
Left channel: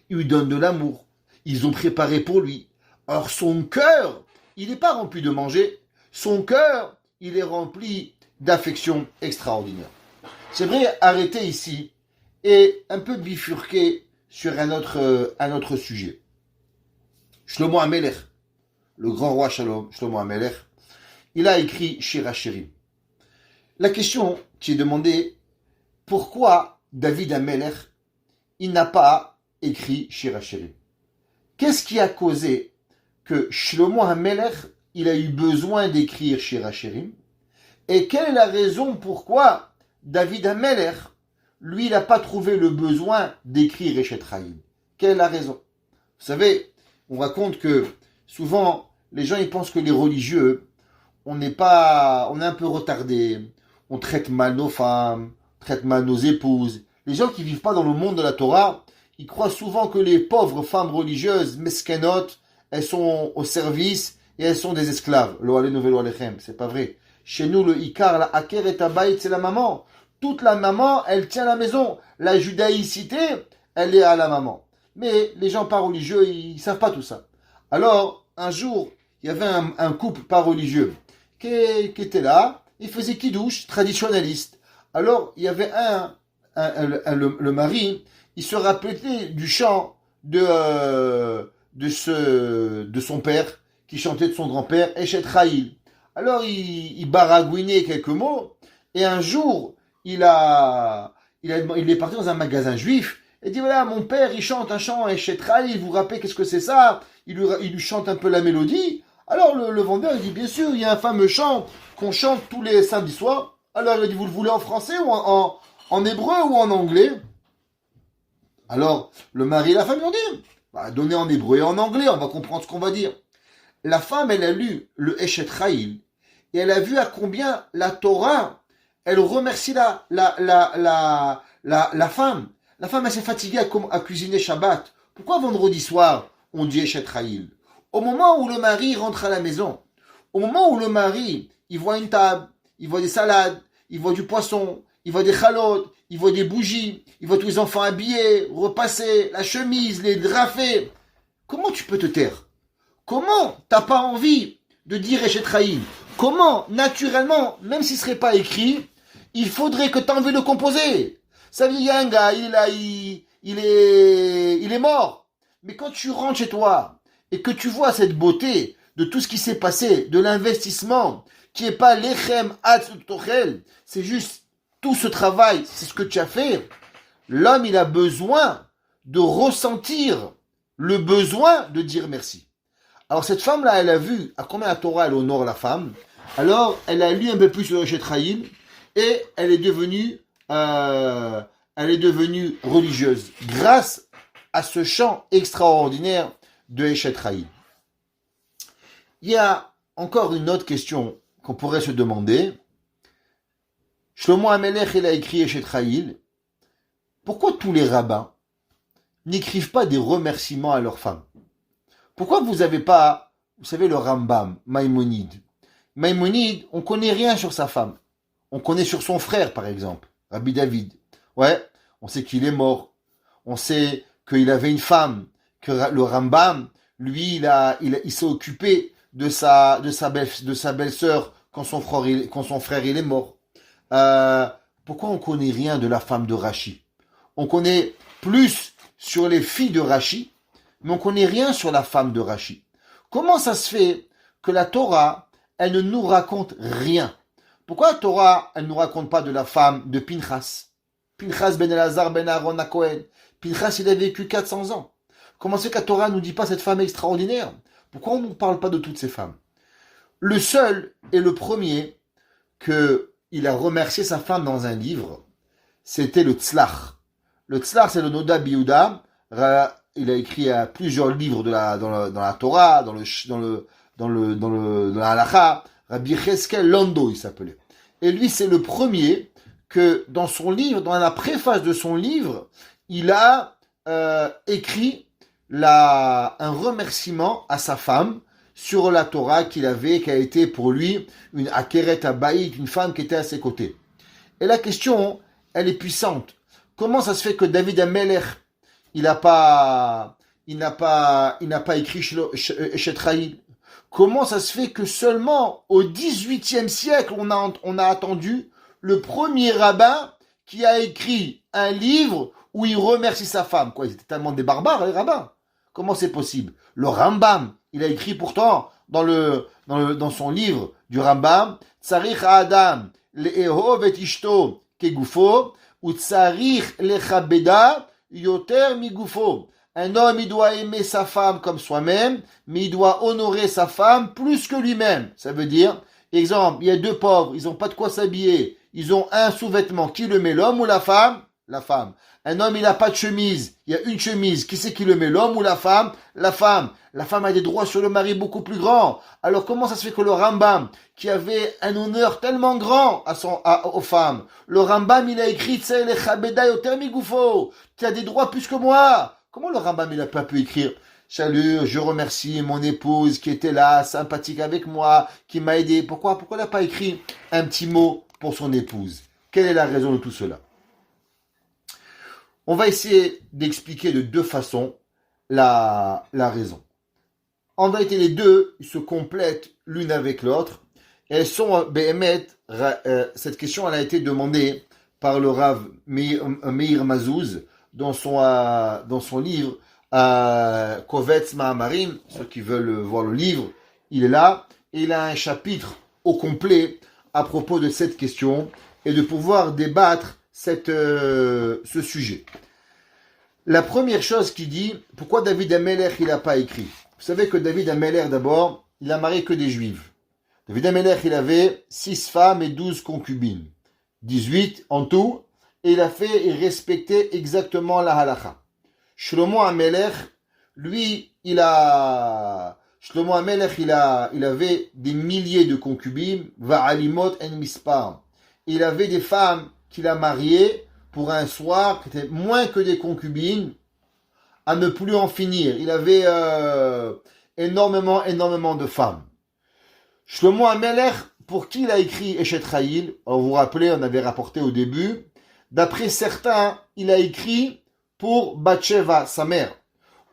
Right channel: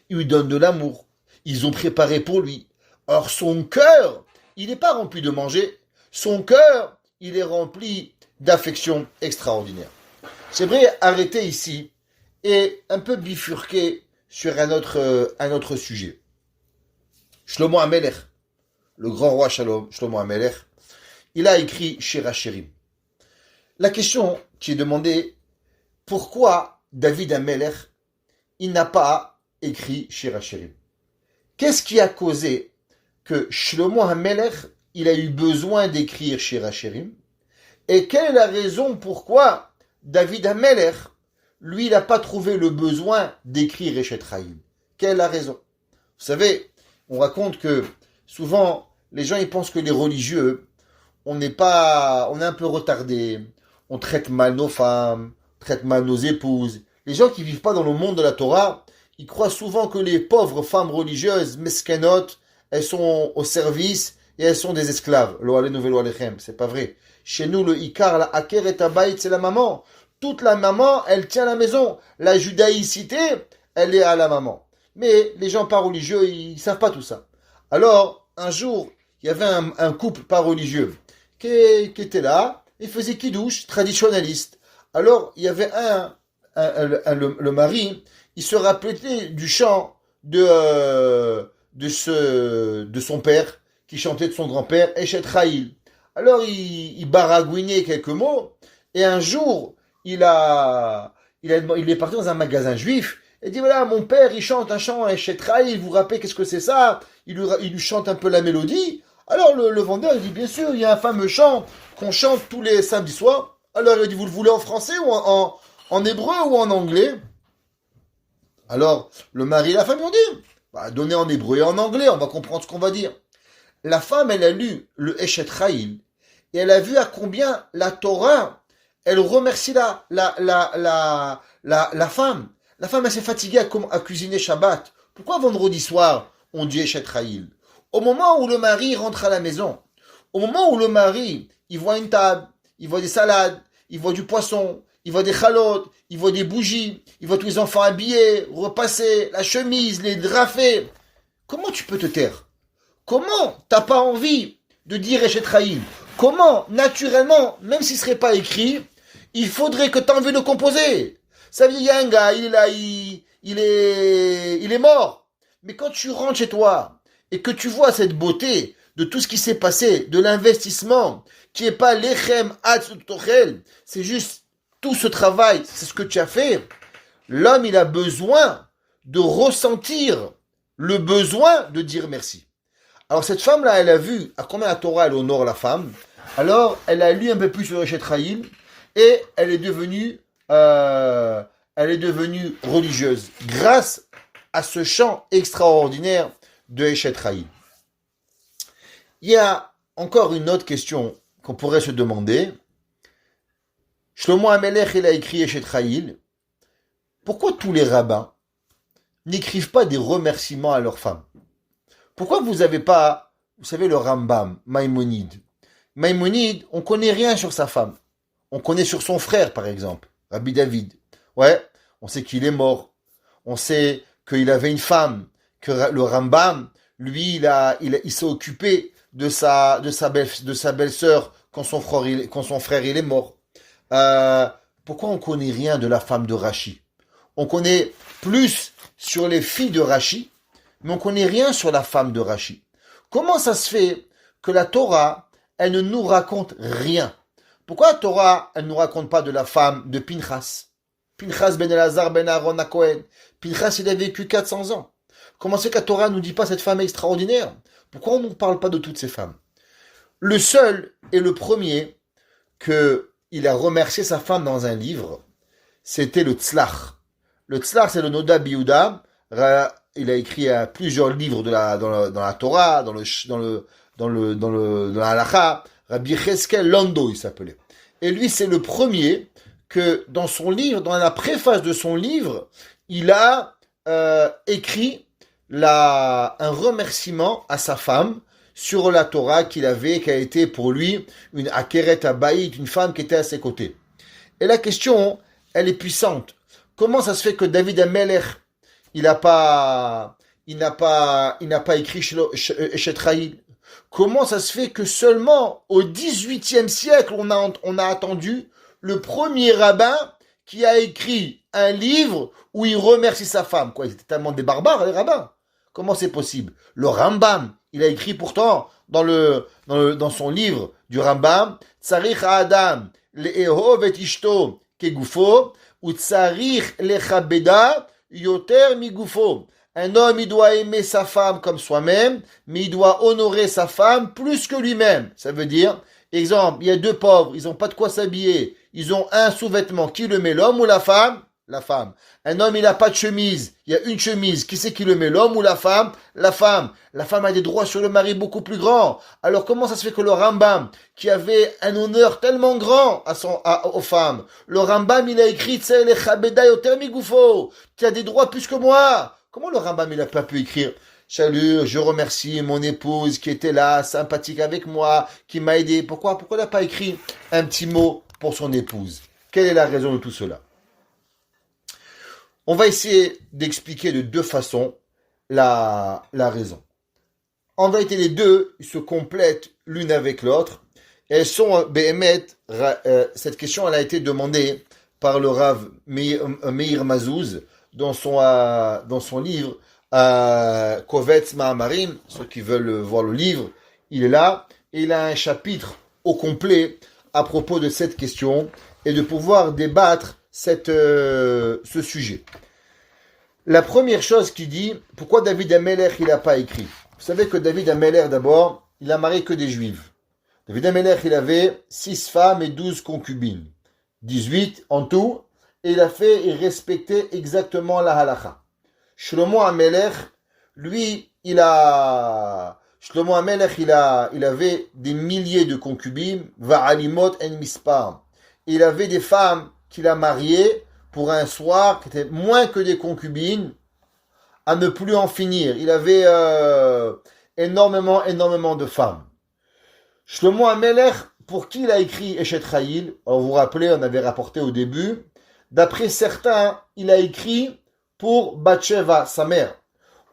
ils lui donnent de l'amour, ils ont préparé pour lui. Or son cœur il n'est pas rempli de manger, son cœur il est rempli d'affection extraordinaire. J'aimerais arrêter ici et un peu bifurquer sur un autre sujet. Shlomo HaMelech, le grand roi Shlomo HaMelech, il a écrit Shir HaShirim. La question qui est demandée, pourquoi David HaMelech, il n'a pas écrit Shir HaShirim? Qu'est-ce qui a causé que Shlomo HaMelech, il a eu besoin d'écrire Shir HaShirim? Et quelle est la raison pourquoi David HaMelech, lui, il n'a pas trouvé le besoin d'écrire Eshet Chaim? Quelle est la raison? Vous savez, on raconte que souvent, les gens ils pensent que les religieux, on est un peu retardé, on traite mal nos femmes, on traite mal nos épouses. Les gens qui ne vivent pas dans le monde de la Torah, ils croient souvent que les pauvres femmes religieuses, meskenot, elles sont au service et elles sont des esclaves. Lo alenu velo alechem, c'est pas vrai. Chez nous, le Ikar, la Aker et Tabaït, c'est la maman. Toute la maman, elle tient la maison. La judaïcité, elle est à la maman. Mais les gens pas religieux, ils savent pas tout ça. Alors, un jour, il y avait un couple pas religieux qui était là, il faisait kidouche, traditionnaliste. Alors, il y avait le mari, il se rappelait du chant de son père, qui chantait de son grand-père, Eshet Chaim. Alors, il baragouinait quelques mots, et un jour, il est parti dans un magasin juif, et dit, voilà, mon père, il chante un chant, Eshet Chaim, vous vous rappelez qu'est-ce que c'est ça? Il lui chante un peu la mélodie. Alors, le vendeur, il dit, bien sûr, il y a un fameux chant qu'on chante tous les samedis soirs. Alors, il a dit, vous le voulez en français, ou en hébreu, ou en anglais? Alors, le mari et la femme lui ont dit, donnez en hébreu et en anglais, on va comprendre ce qu'on va dire. La femme, elle a lu le Eshet Chaim et elle a vu à combien la Torah, elle remercie la femme. La femme, elle s'est fatiguée à cuisiner Shabbat. Pourquoi vendredi soir, on dit Eshet Chaim? Au moment où le mari rentre à la maison, au moment où le mari, il voit une table, il voit des salades, il voit du poisson, il voit des chalotes, il voit des bougies, il voit tous les enfants habillés, repassés, la chemise, les draps faits. Comment tu peux te taire? Comment t'as pas envie de dire Eshet Chaim? Comment, naturellement, même s'il ne serait pas écrit, il faudrait que tu aies envie de le composer? Ça veut dire, il y a un gars, il est là, il est mort. Mais quand tu rentres chez toi et que tu vois cette beauté de tout ce qui s'est passé, de l'investissement, qui n'est pas lechem atzut tochel, c'est juste tout ce travail, c'est ce que tu as fait, l'homme, il a besoin de ressentir le besoin de dire merci. Alors cette femme-là, elle a vu à combien la Torah elle honore la femme. Alors elle a lu un peu plus sur Eshet Chaim et elle est devenue religieuse grâce à ce chant extraordinaire de Eshet Chaim. Il y a encore une autre question qu'on pourrait se demander. Shlomo HaMelech, il a écrit Eshet Chaim. Pourquoi tous les rabbins n'écrivent pas des remerciements à leurs femmes? Pourquoi vous n'avez pas, vous savez, le Rambam, Maïmonide, Maïmonide, on connaît rien sur sa femme. On connaît sur son frère, par exemple, Rabbi David. Ouais, on sait qu'il est mort. On sait qu'il avait une femme, que le Rambam, lui, il s'est occupé de sa belle-sœur quand son frère il est mort. Euh, Pourquoi on connaît rien de la femme de Rachi? On connaît plus sur les filles de Rachi, mais on connaît rien sur la femme de Rachi. Comment ça se fait que la Torah, elle ne nous raconte rien? Pourquoi la Torah, elle ne nous raconte pas de la femme de Pinchas? Pinchas ben Elazar ben Aaron à Cohen. Pinchas, il a vécu 400 ans. Comment c'est que la Torah ne nous dit pas cette femme extraordinaire? Pourquoi on ne nous parle pas de toutes ces femmes? Le seul et le premier qu'il a remercié sa femme dans un livre, c'était le Tzlach. Le Tzlach, c'est le Noda Biouda. Il a écrit plusieurs livres dans la Torah, dans la Halacha. Rabbi Cheskel Lando, il s'appelait. Et lui, c'est le premier que dans son livre, dans la préface de son livre, il a écrit un remerciement à sa femme sur la Torah qui a été pour lui une Akeret Abaït, une femme qui était à ses côtés. Et la question, elle est puissante. Comment ça se fait que David Amelech, il n'a pas écrit Eshet Chayil? Comment ça se fait que seulement au XVIIIe siècle, on a attendu le premier rabbin qui a écrit un livre où il remercie sa femme? Quoi, ils étaient tellement des barbares, les rabbins. Comment c'est possible? Le Rambam, il a écrit pourtant dans son livre du Rambam, Tsarich Adam le'ehov et ishto kegufo, ou tsarich lechabeda yoter migufo. Un homme, il doit aimer sa femme comme soi-même, mais il doit honorer sa femme plus que lui-même. Ça veut dire, exemple, il y a deux pauvres, ils n'ont pas de quoi s'habiller, ils ont un sous-vêtement. Qui le met, l'homme ou la femme? La femme. Un homme, il n'a pas de chemise, il y a une chemise. Qui c'est qui le met, l'homme ou la femme? La femme. La femme a des droits sur le mari beaucoup plus grands. Alors comment ça se fait que le Rambam, qui avait un honneur tellement grand aux femmes, le Rambam, il a écrit, tu sais, les Chabeda yoter migufo, tu as des droits plus que moi. Comment le Rambam, il n'a pas pu écrire? Salut, je remercie mon épouse qui était là, sympathique avec moi, qui m'a aidé. Pourquoi il n'a pas écrit un petit mot pour son épouse? Quelle est la raison de tout cela? On va essayer d'expliquer de deux façons la raison. En vérité, les deux se complètent l'une avec l'autre. Elles sont, cette question elle a été demandée par le Rav Meir Mazouz dans son livre Kovetz Ma'amarim. Ceux qui veulent voir le livre, il est là. Et il a un chapitre au complet à propos de cette question et de pouvoir débattre ce sujet. La première chose qu'il dit, pourquoi David Amelech il n'a pas écrit? Vous savez que David Amelech d'abord, il a marié que des juifs. David Amelech il avait 6 femmes et 12 concubines, 18 en tout, et il respectait exactement la halacha. Shlomo Amelech, lui, il avait des milliers de concubines, va'alimot en mispar. Il avait des femmes qu'il a mariées pour un soir qui était moins que des concubines, à ne plus en finir. Il avait énormément de femmes. Shlomo Amelech, pour qui il a écrit Eshet Chayil? Alors vous vous rappelez, on avait rapporté au début, d'après certains, il a écrit pour Bathsheba, sa mère.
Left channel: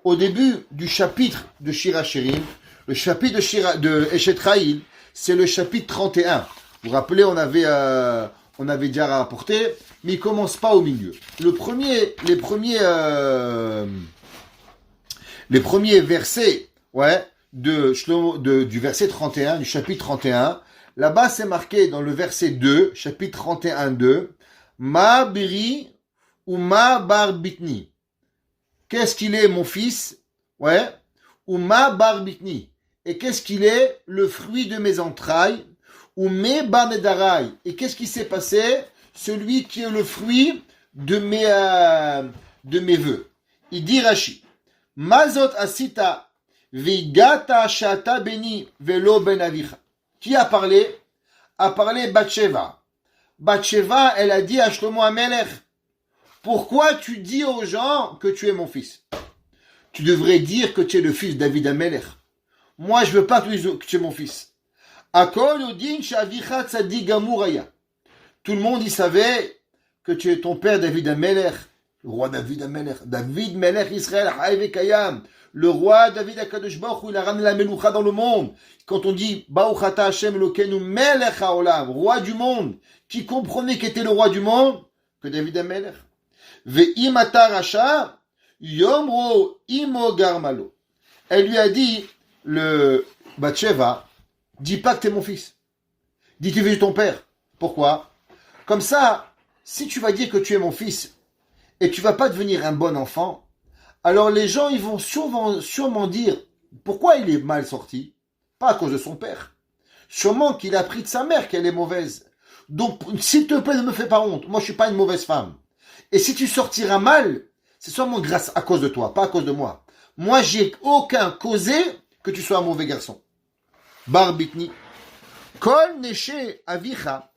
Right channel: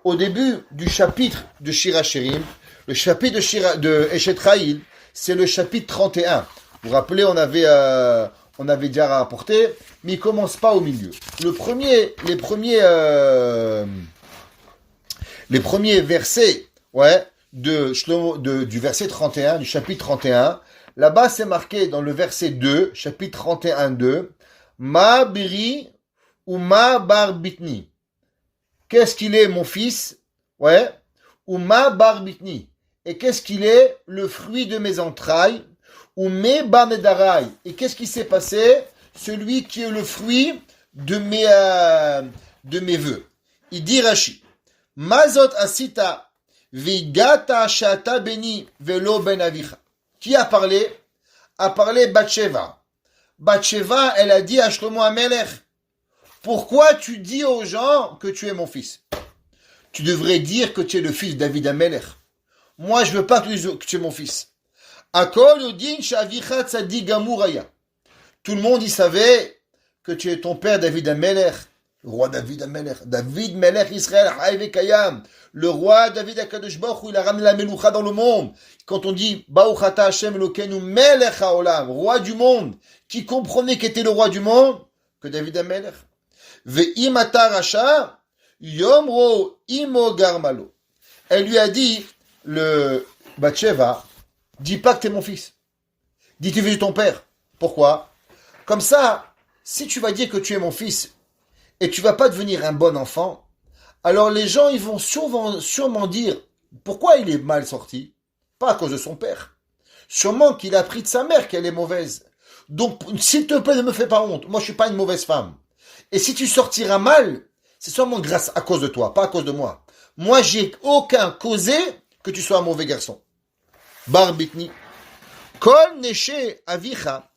Au début du chapitre de Shir HaShirim, le chapitre de Eshet Chayil, c'est le chapitre 31. Vous vous rappelez, on avait déjà rapporté, mais il commence pas au milieu. Les premiers versets, du verset 31, du chapitre 31, là-bas c'est marqué dans le verset 2, chapitre 31, 2, Ma biri ou ma bar bitni. Qu'est-ce qu'il est, mon fils? Ou ma bar bitni. Et qu'est-ce qu'il est? Le fruit de mes entrailles. Ou mes banedarai. Et qu'est-ce qui s'est passé? Celui qui est le fruit de mes vœux. Il dit Rashi, Mazot asita vigata shata beni velo ben avicha. Qui a parlé? A parlé Bathsheba. Bathsheba, elle a dit à Shlomo Amelech, pourquoi tu dis aux gens que tu es mon fils? Tu devrais dire que tu es le fils de David Amelech. Moi, je veux pas que tu es mon fils. Akol Odin Shavicha Tzadik Gamur Aya. Tout le monde y savait que tu es ton père David Amelech, le roi David Amelech, David Melech Israël Haïve Kayam, le roi David Akadosh Baruch Hu, il a ramené la Meloucha dans le monde. Quand on dit Baruch Ata Hashem Elokeinu Melech Haolam, roi du monde, qui comprenait qu'était le roi du monde, que David Amelech. Ve'im ata rasha yomro imo garmalo. Elle lui a dit, le Bathsheba, dis pas que t'es mon fils. Dis tu es ton père. Pourquoi? Comme ça, si tu vas dire que tu es mon fils et tu vas pas devenir un bon enfant, alors les gens ils vont sûrement dire pourquoi il est mal sorti. Pas à cause de son père. Sûrement qu'il a appris de sa mère qu'elle est mauvaise. Donc, s'il te plaît, ne me fais pas honte. Moi, je suis pas une mauvaise femme. Et si tu sortiras mal, c'est seulement grâce à cause de toi, pas à cause de moi. Moi, j'ai aucun causé que tu sois un mauvais garçon. Barbitni. Kol neshe avicha.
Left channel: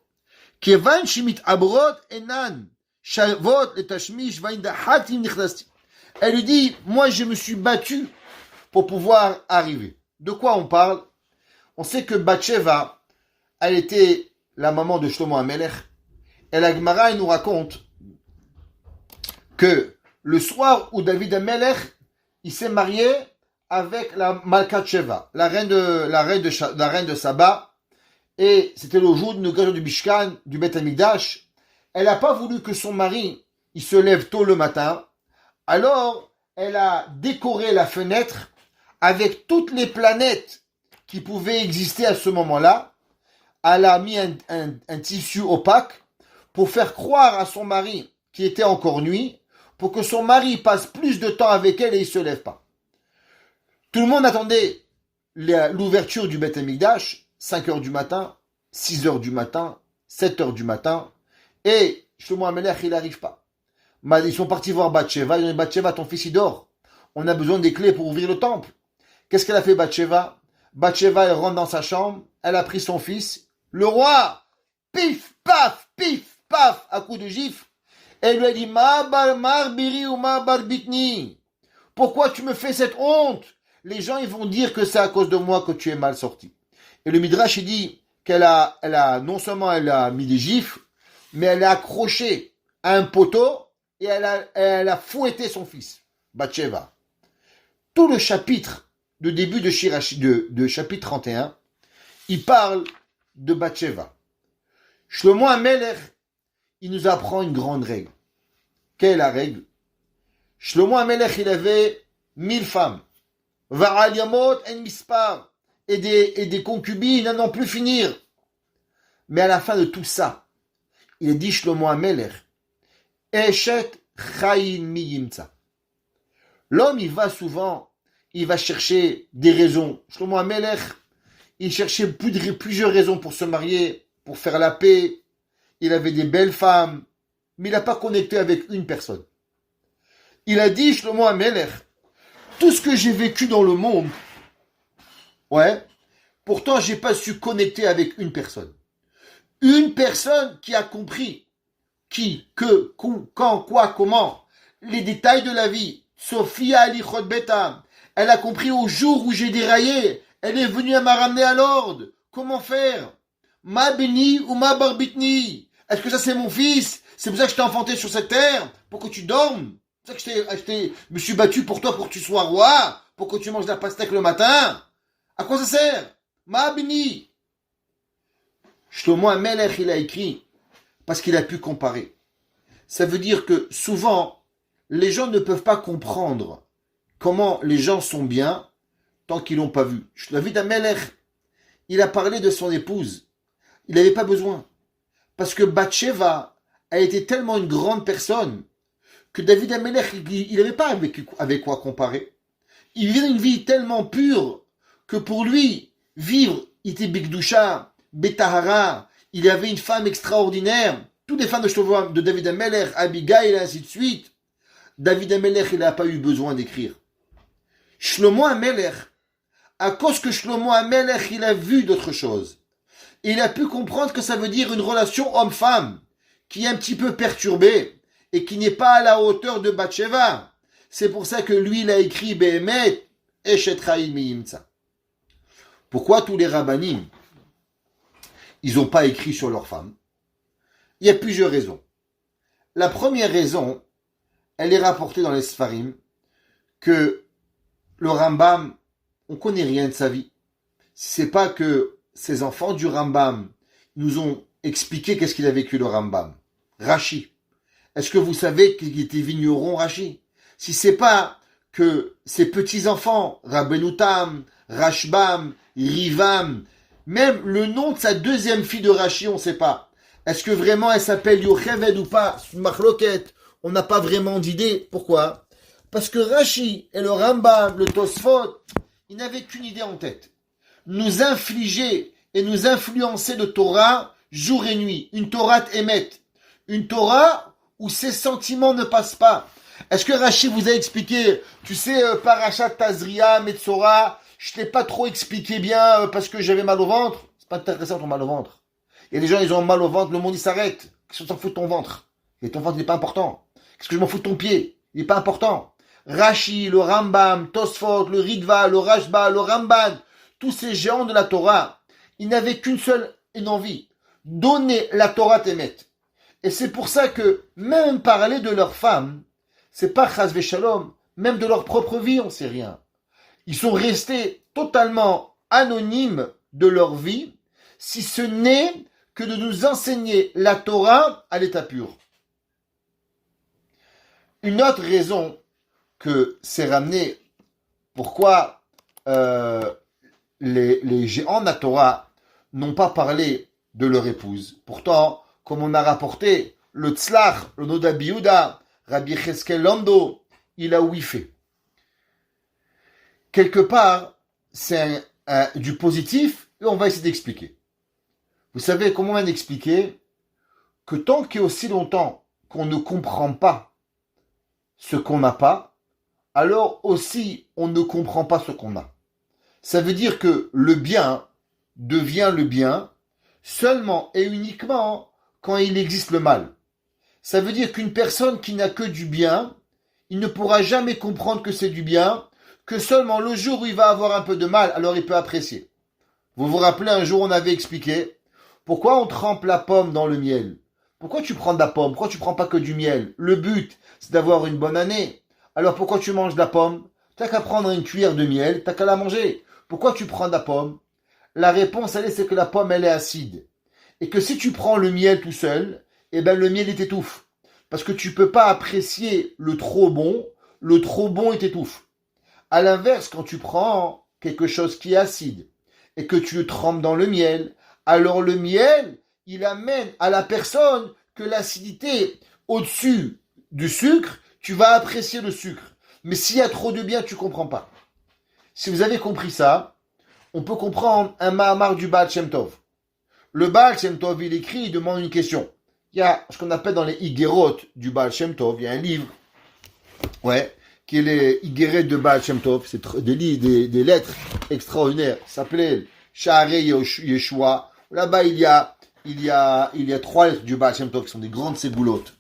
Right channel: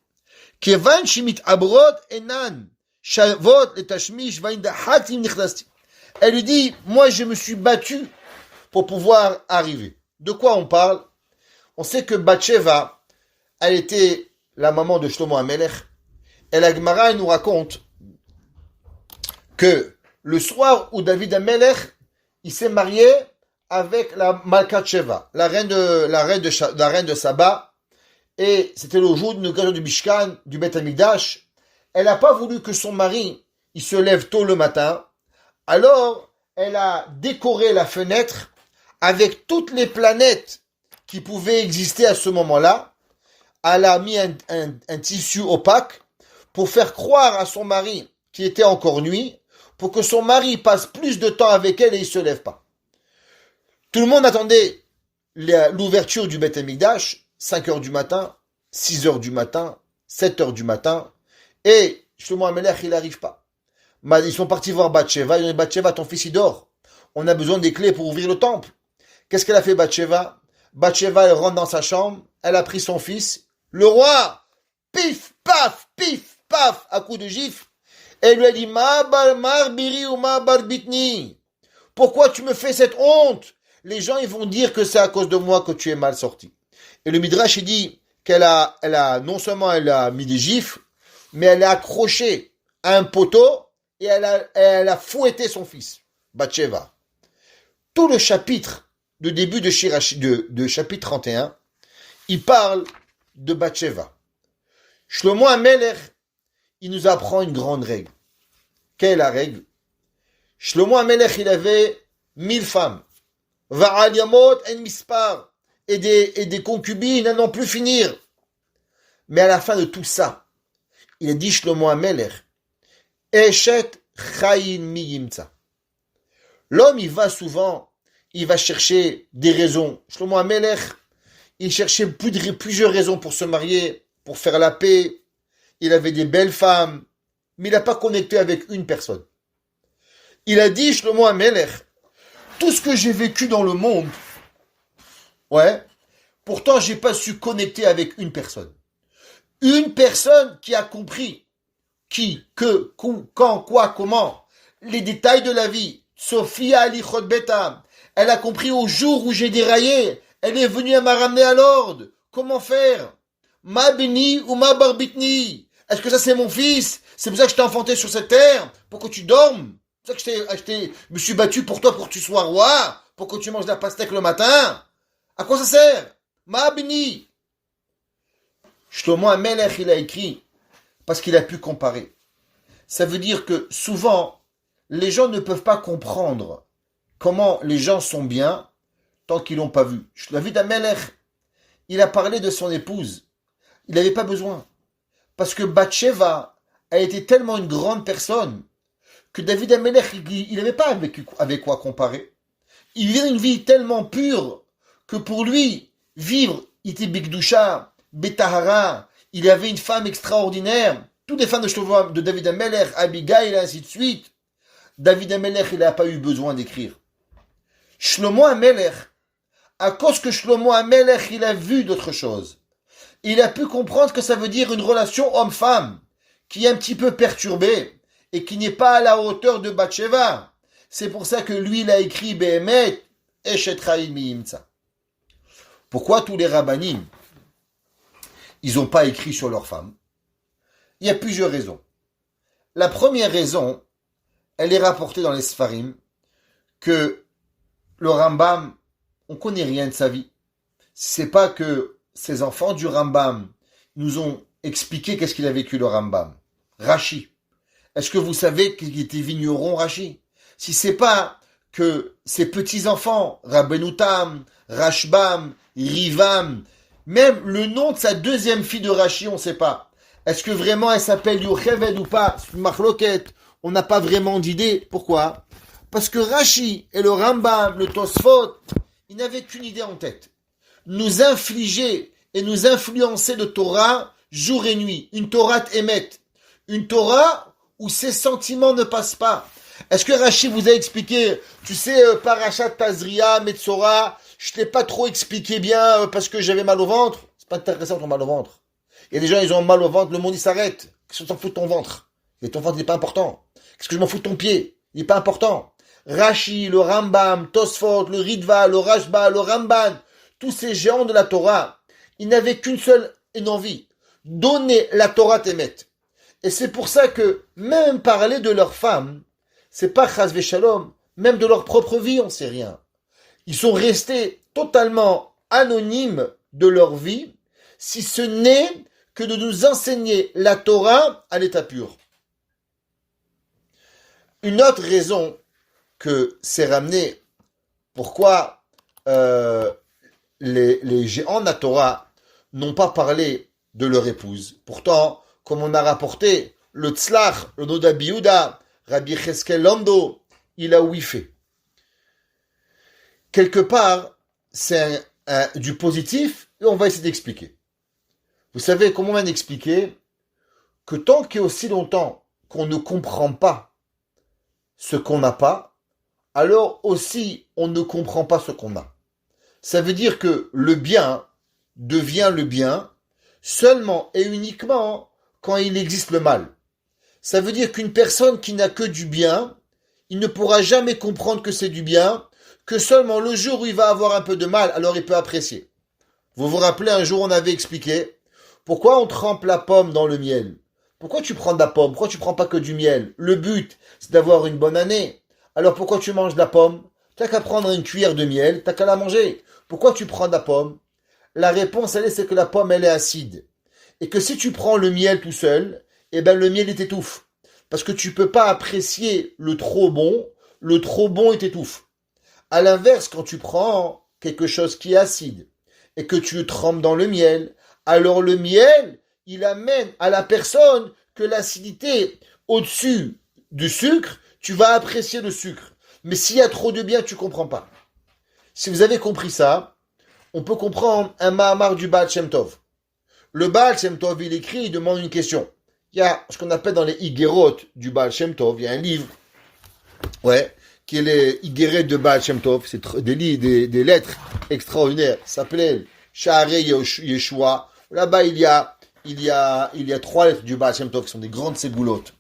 Kevan shimit abrod enan. Shavot et tashmish vaindahatim nichlasti. Elle lui dit, moi, je me suis battu pour pouvoir arriver. De quoi on parle? On sait que Bathsheba, elle était la maman de Shlomo Amelech. Et la Gemara, nous raconte que le soir où David Amelech, il s'est marié avec la Malkat Sheva, la reine de Saba, et c'était le jour de l'inauguration du Mishkan, du Beth Amikdash. Elle n'a pas voulu que son mari, il se lève tôt le matin. Alors, elle a décoré la fenêtre avec toutes les planètes qui pouvaient exister à ce moment-là. Elle a mis un tissu opaque pour faire croire à son mari qu'il était encore nuit, pour que son mari passe plus de temps avec elle et il ne se lève pas. Tout le monde attendait l'ouverture du Beth Amikdash, 5 heures du matin, 6 heures du matin, 7 heures du matin, et Shlomo Amelech, il n'arrive pas. Ils sont partis voir Bathsheba, ils ont dit, Bathsheba, ton fils il dort, on a besoin des clés pour ouvrir le temple. Qu'est-ce qu'elle a fait Bathsheba? Bathsheba, elle rentre dans sa chambre, elle a pris son fils, le roi, pif, paf, à coup de gifle, et lui a dit, Ma bar biri ou ma bar bitni. Pourquoi tu me fais cette honte? Les gens, ils vont dire que c'est à cause de moi que tu es mal sorti. Et le Midrash, il dit non seulement elle a mis des gifles, mais elle a accroché à un poteau et elle a fouetté son fils, Bathsheba. Tout le chapitre, de début de chapitre 31, il parle de Bathsheba. Shlomo Amelech, il nous apprend une grande règle. Quelle est la règle? Shlomo Amelech, il avait 1000 femmes. Va'al yamot en mispar. Et des concubines à n'en plus finir. Mais à la fin de tout ça, il a dit Shlomo Amelech, Eshet chayin mi yimtza. L'homme, il va chercher des raisons. Shlomo Amelech, il cherchait plusieurs raisons pour se marier, pour faire la paix. Il avait des belles femmes, mais il n'a pas connecté avec une personne. Il a dit, Shlomo Amelech, tout ce que j'ai vécu dans le monde, pourtant j'ai pas su connecter avec une personne. Une personne qui a compris qui, que, quand, quoi, comment, les détails de la vie. Sophia Alichot Betam, elle a compris au jour où j'ai déraillé, elle est venue à me ramener à l'ordre. Comment faire? Ma béni ou ma barbitni? Est-ce que ça c'est mon fils? C'est pour ça que je t'ai enfanté sur cette terre? Pour que tu dormes? C'est pour ça que je me suis battu pour toi, pour que tu sois roi? Pour que tu manges de la pastèque le matin? À quoi ça sert? Ma béni. Shlomo Amelech, il a écrit parce qu'il a pu comparer. Ça veut dire que souvent, les gens ne peuvent pas comprendre comment les gens sont bien tant qu'ils l'ont pas vu. David Amelech, il a parlé de son épouse. Il n'avait pas besoin. Parce que Bathsheba a été tellement une grande personne que David Amelech, il n'avait pas avec quoi comparer. Il vivait une vie tellement pure que pour lui, vivre, il était Bigdusha, Betahara, il avait une femme extraordinaire. Toutes les femmes de David Amelech, Abigail et ainsi de suite. David Amelech, il n'a pas eu besoin d'écrire. Shlomo Amelech, à cause que Shlomo Amelech, il a vu d'autres choses. Il a pu comprendre que ça veut dire une relation homme-femme qui est un petit peu perturbée et qui n'est pas à la hauteur de Bathsheba. C'est pour ça que lui, il a écrit Behemet, Eshet Chaim mi Yimtza. Pourquoi tous les rabbanim, ils n'ont pas écrit sur leurs femmes? Il y a plusieurs raisons. La première raison, elle est rapportée dans les Sfarim, que le Rambam, on ne connaît rien de sa vie. C'est pas que ces enfants du Rambam nous ont expliqué qu'est-ce qu'il a vécu le Rambam. Rashi. Est-ce que vous savez qu'il était vigneron, Rashi? Si c'est pas que ses petits-enfants, Rabbeinu Tam, Rashbam, Rivam, même le nom de sa deuxième fille de Rashi, on ne sait pas. Est-ce que vraiment elle s'appelle Yocheved ou pas? C'est une marloquette. On n'a pas vraiment d'idée. Pourquoi? Parce que Rashi et le Rambam, le Tosfot, ils n'avaient qu'une idée en tête. Nous infliger et nous influencer de Torah jour et nuit. Une Torah émet. Une Torah où ses sentiments ne passent pas. Est-ce que Rashi vous a expliqué, tu sais, Parashat Tazria, Metzora, je ne t'ai pas trop expliqué bien parce que j'avais mal au ventre? C'est pas intéressant ton mal au ventre. Il y a des gens, ils ont mal au ventre, le monde il s'arrête. Qu'est-ce que t'en fous de ton ventre? Et ton ventre n'est pas important. Qu'est-ce que je m'en fous de ton pied? Il n'est pas important. Rashi, le Rambam, Tosfot, le Ritva, le Rashba, le Ramban, tous ces géants de la Torah, ils n'avaient qu'une seule envie, donner la Torah Témet. Et c'est pour ça que même parler de leurs femmes, c'est pas Chas Veshalom, même de leur propre vie, on sait rien. Ils sont restés totalement anonymes de leur vie, si ce n'est que de nous enseigner la Torah à l'état pur. Une autre raison que c'est ramené, pourquoi les géants de la Torah n'ont pas parlé de leur épouse. Pourtant, comme on a rapporté, le Tzlach, le Noda Biouda, Rabbi Cheskel Lando, il a ouï fait. Quelque part, c'est du positif, et on va essayer d'expliquer. Vous savez comment on va expliquer que tant qu'il y a aussi longtemps qu'on ne comprend pas ce qu'on n'a pas, alors aussi on ne comprend pas ce qu'on a. Ça veut dire que le bien devient le bien seulement et uniquement quand il existe le mal. Ça veut dire qu'une personne qui n'a que du bien, il ne pourra jamais comprendre que c'est du bien, que seulement le jour où il va avoir un peu de mal, alors il peut apprécier. Vous vous rappelez, un jour on avait expliqué pourquoi on trempe la pomme dans le miel. Pourquoi tu prends de la pomme? Pourquoi tu prends pas que du miel? Le but, c'est d'avoir une bonne année. Alors pourquoi tu manges de la pomme? T'as qu'à prendre une cuillère de miel, t'as qu'à la manger. Pourquoi tu prends de la pomme? La réponse, c'est que la pomme, elle est acide. Et que si tu prends le miel tout seul, eh ben le miel, il t'étouffe. Parce que tu peux pas apprécier le trop bon il t'étouffe. À l'inverse, quand tu prends quelque chose qui est acide et que tu le trempes dans le miel, alors le miel, il amène à la personne que l'acidité au-dessus du sucre, tu vas apprécier le sucre. Mais s'il y a trop de bien, tu comprends pas. Si vous avez compris ça, on peut comprendre un Mahamar du Baal Shem Tov. Le Baal Shem Tov, il écrit, il demande une question. Il y a ce qu'on appelle dans les Igerot du Baal Shem Tov, il y a un livre, qui est les Igeret de Baal Shem Tov, c'est des lettres extraordinaires, ça s'appelait Sha'arei Yeshua. Là-bas, il y a 3 lettres du Baal Shem Tov qui sont des grandes céboulottes.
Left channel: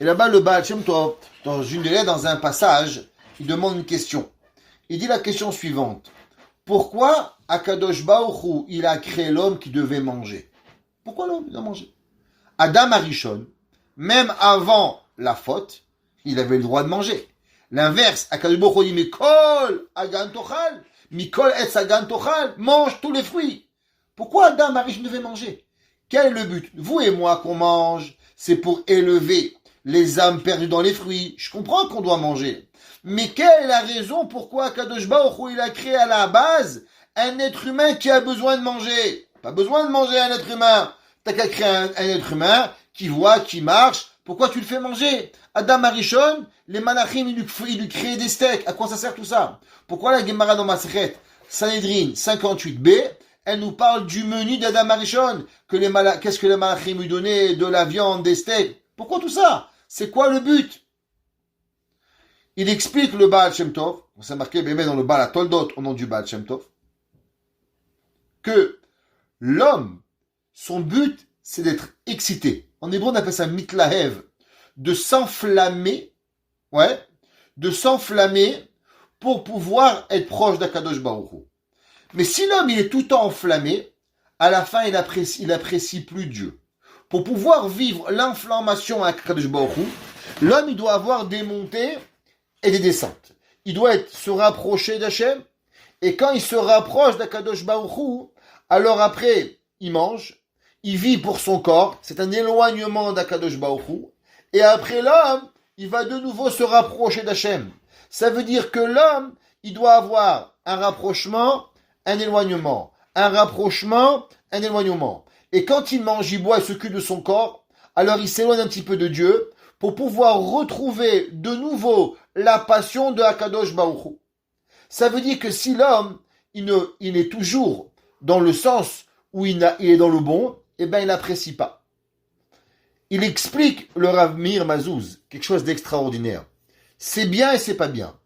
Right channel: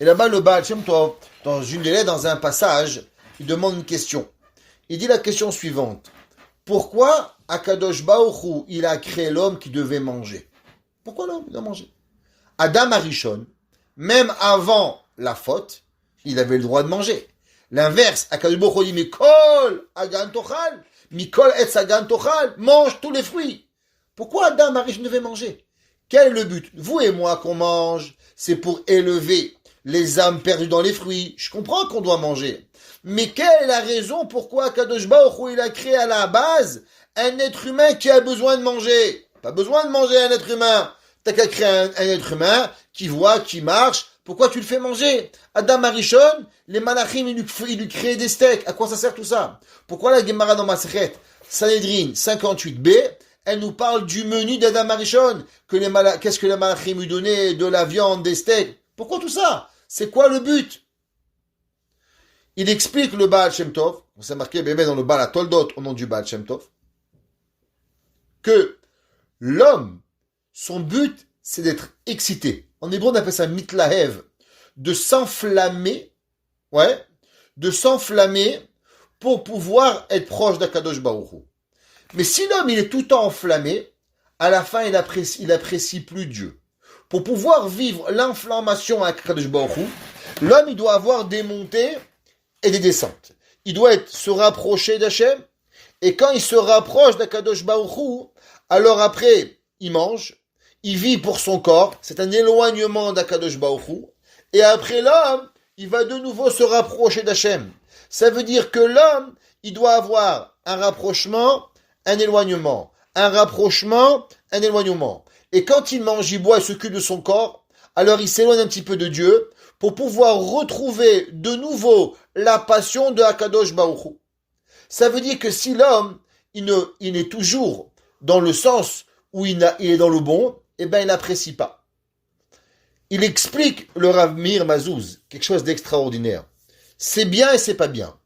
Et là-bas, le Baal Shem Tov, dans une des lettres, dans un passage, il demande une question. Il dit la question suivante. Pourquoi Akadosh Baruch Hu, il a créé l'homme qui devait manger? Pourquoi l'homme doit manger? Adam Arishon, même avant la faute, il avait le droit de manger. L'inverse, Akadosh Baruch Hu dit Mikol Agan Tochal, Mikol Etz Agan Tochal, mange tous les fruits. Pourquoi Adam Arishon devait manger? Quel est le but? Vous et moi qu'on mange, c'est pour élever les âmes perdues dans les fruits. Je comprends qu'on doit manger. Mais quelle est la raison pourquoi Kadosh Baruch Hu, il a créé à la base un être humain qui a besoin de manger? Pas besoin de manger un être humain. T'as qu'à créer un être humain qui voit, qui marche. Pourquoi tu le fais manger? Adam Arishon, les malachim, ils lui créaient des steaks. À quoi ça sert tout ça? Pourquoi la Gemara dans Masechet Sanhedrin 58b, elle nous parle du menu d'Adam Arishon? Qu'est-ce que les malachim lui donnaient? De la viande, des steaks. Pourquoi tout ça? C'est quoi le but? Il explique le Baal Shem Tov, on s'est marqué bébé dans le Baal Toldot au nom du Baal Shem Tov, que l'homme, son but, c'est d'être excité. En hébreu, on appelle ça mitlahev, de s'enflammer, de s'enflammer pour pouvoir être proche d'Akadosh Baruch Hu. Mais si l'homme, il est tout le temps enflammé, à la fin, il apprécie plus Dieu. Pour pouvoir vivre l'inflammation à Kadosh Baruch Hu, l'homme, il doit avoir des montées et des descentes. Il doit se rapprocher d'Hachem, et quand il se rapproche d'Akadosh Baruch Hu, alors après, il mange, il vit pour son corps, c'est un éloignement d'Akadosh Baruch Hu, et après l'homme, il va de nouveau se rapprocher d'Hachem. Ça veut dire que l'homme, il doit avoir un rapprochement, un éloignement, un rapprochement, un éloignement. Et quand il mange, il boit, il s'occupe de son corps, alors il s'éloigne un petit peu de Dieu pour pouvoir retrouver de nouveau la passion de Akadosh Baruch Hu. Ça veut dire que si l'homme, il est toujours dans le sens où il est dans le bon, eh bien il n'apprécie pas. Il explique le Rav Meir Mazouz, quelque chose d'extraordinaire. C'est bien et c'est pas bien.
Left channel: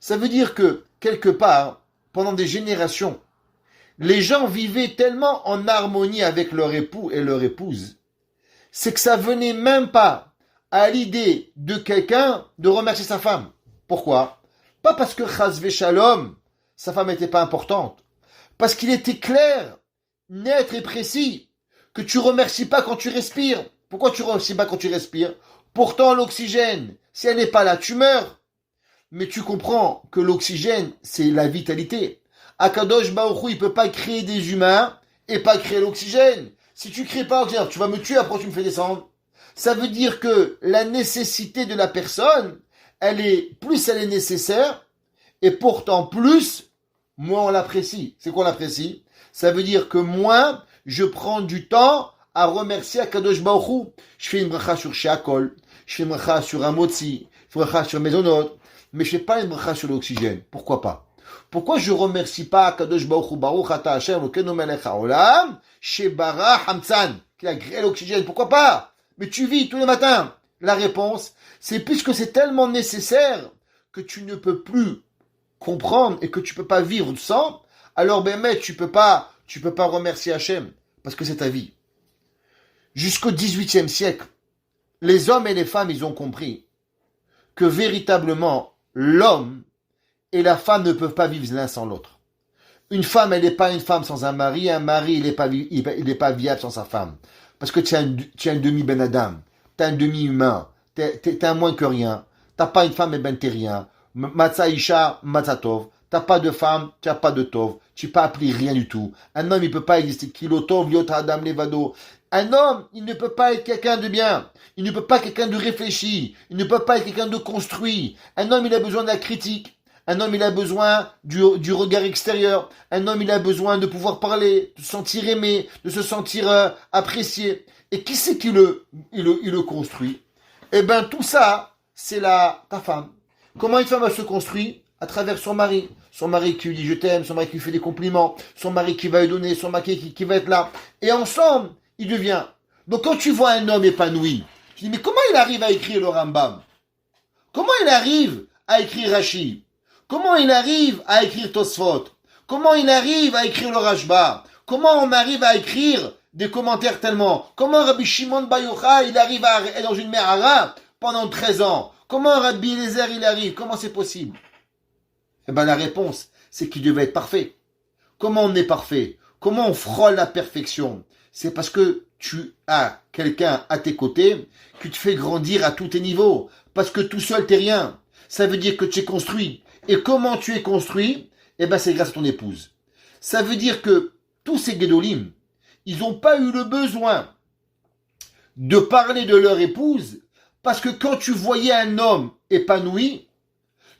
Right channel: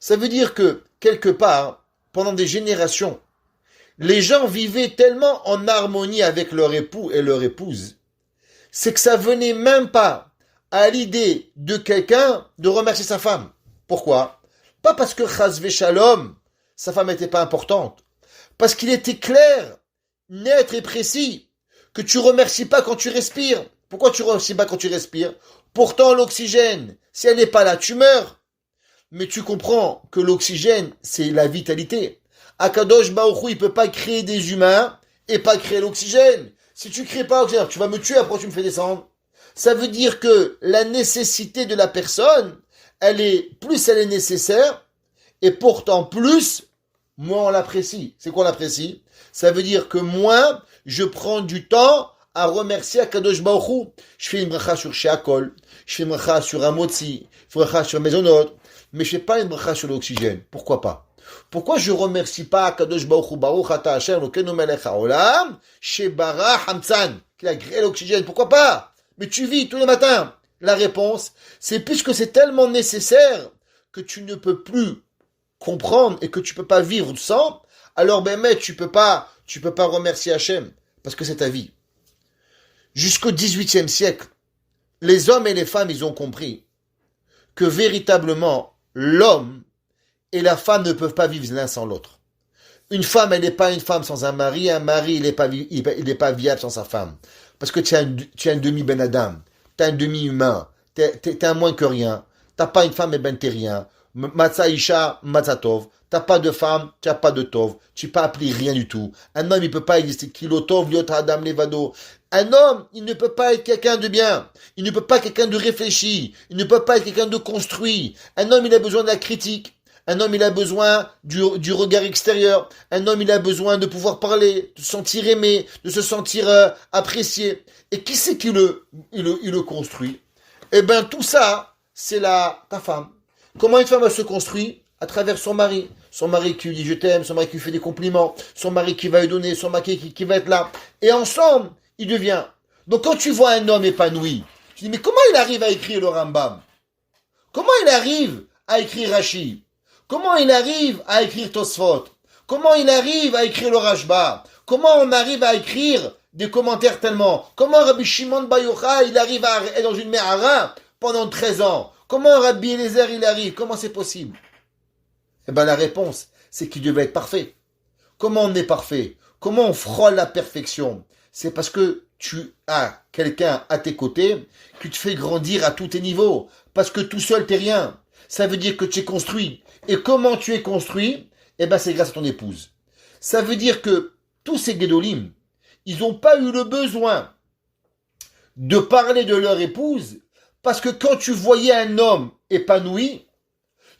Ça veut dire que, quelque part, pendant des générations, les gens vivaient tellement en harmonie avec leur époux et leur épouse, c'est que ça venait même pas à l'idée de quelqu'un de remercier sa femme. Pourquoi? Pas parce que chas v'shalom, sa femme n'était pas importante. Parce qu'il était clair, net et précis, que tu remercies pas quand tu respires. Pourquoi tu remercies pas quand tu respires? Pourtant l'oxygène, si elle n'est pas là, tu meurs. Mais tu comprends que l'oxygène, c'est la vitalité. Akadosh Baruch Hu, il peut pas créer des humains et pas créer l'oxygène. Si tu crées pas l'oxygène, tu vas me tuer, après tu me fais descendre. Ça veut dire que la nécessité de la personne, elle est nécessaire, et pourtant plus, moins on l'apprécie. C'est quoi on l'apprécie? Ça veut dire que moins je prends du temps à remercier Akadosh Baruch Hu. Je fais une bracha sur Sheakol, je fais une bracha sur Amotzi, je fais une bracha sur Mezonot, mais je fais pas une bracha sur l'oxygène. Pourquoi pas? Pourquoi je remercie pas Akadosh Baruch Hu, Baruch Ata Hashem, Elokeinu melech haolam, Shebara Hamtzan, qui a créé l'oxygène? Pourquoi pas? Mais tu vis tous les matins. La réponse, c'est puisque c'est tellement nécessaire que tu ne peux plus comprendre et que tu peux pas vivre sans, alors ben mec, tu peux pas remercier Hachem parce que c'est ta vie. Jusqu'au XVIIIe siècle, les hommes et les femmes, ils ont compris que véritablement l'homme et la femme ne peuvent pas vivre l'un sans l'autre. Une femme, elle n'est pas une femme sans un mari il n'est pas viable sans sa femme. Parce que tu as une demi-ben Adam, tu as un demi-humain, tu es un moins que rien. Tu n'as pas une femme, et ben t'es rien. Matzah Isha, Matzah Tov. Tu n'as pas de femme, tu n'as pas de Tov. Tu n'es pas appelé rien du tout. Un homme, il ne peut pas exister. Kilo Tov, Liot Adam Levado. Un homme, il ne peut pas être quelqu'un de bien. Il ne peut pas être quelqu'un de réfléchi. Il ne peut pas être quelqu'un de construit. Un homme, il a besoin de la critique. Un homme, il a besoin du regard extérieur. Un homme, il a besoin de pouvoir parler, de se sentir aimé, de se sentir apprécié. Et qui c'est qui le construit? Eh bien, tout ça, c'est ta femme. Comment une femme elle se construit? À travers son mari. Son mari qui lui dit je t'aime, son mari qui lui fait des compliments, son mari qui va lui donner, son mari qui va être là. Et ensemble, il devient. Donc quand tu vois un homme épanoui, tu dis mais comment il arrive à écrire le Rambam? Comment il arrive à écrire Rashi? Comment il arrive à écrire Tosfot? Comment il arrive à écrire le Rashba? Comment on arrive à écrire des commentaires tellement? Comment Rabbi Shimon Bar Yochai, il arrive à être dans une Mehara pendant 13 ans? Comment Rabbi Eliezer, il arrive? Comment c'est possible? Eh bien la réponse, c'est qu'il devait être parfait. Comment on est parfait? Comment on frôle la perfection? C'est parce que tu as quelqu'un à tes côtés qui te fait grandir à tous tes niveaux. Parce que tout seul, t'es rien. Ça veut dire que tu es construit. Et comment tu es construit? Eh bien, c'est grâce à ton épouse. Ça veut dire que tous ces Guédolim, ils n'ont pas eu le besoin de parler de leur épouse, parce que quand tu voyais un homme épanoui,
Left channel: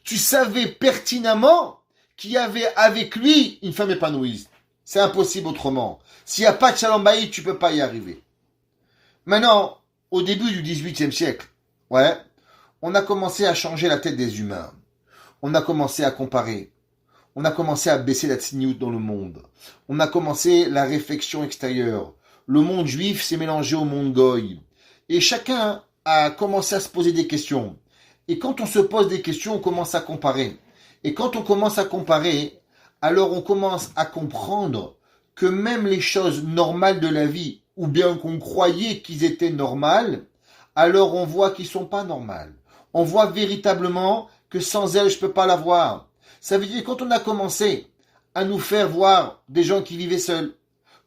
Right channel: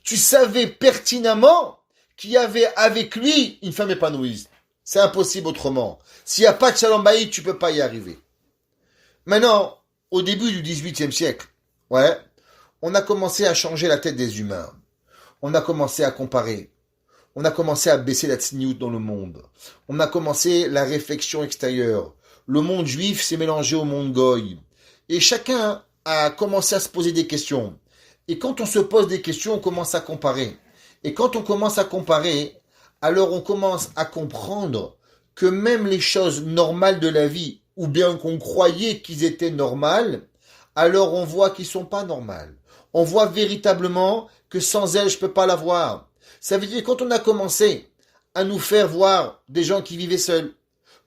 tu savais pertinemment qu'il y avait avec lui une femme épanouie. C'est impossible autrement. S'il n'y a pas de Shalom Bayit, tu ne peux pas y arriver. Maintenant, au début du XVIIIe siècle, on a commencé à changer la tête des humains. On a commencé à comparer. On a commencé à baisser la tsniout dans le monde. On a commencé la réflexion extérieure. Le monde juif s'est mélangé au monde goy. Et chacun a commencé à se poser des questions. Et quand on se pose des questions, on commence à comparer. Et quand on commence à comparer, alors on commence à comprendre que même les choses normales de la vie, ou bien qu'on croyait qu'ils étaient normales, alors on voit qu'ils ne sont pas normales. On voit véritablement que sans elles, je ne peux pas l'avoir. Ça veut dire que quand on a commencé à nous faire voir des gens qui vivaient seuls,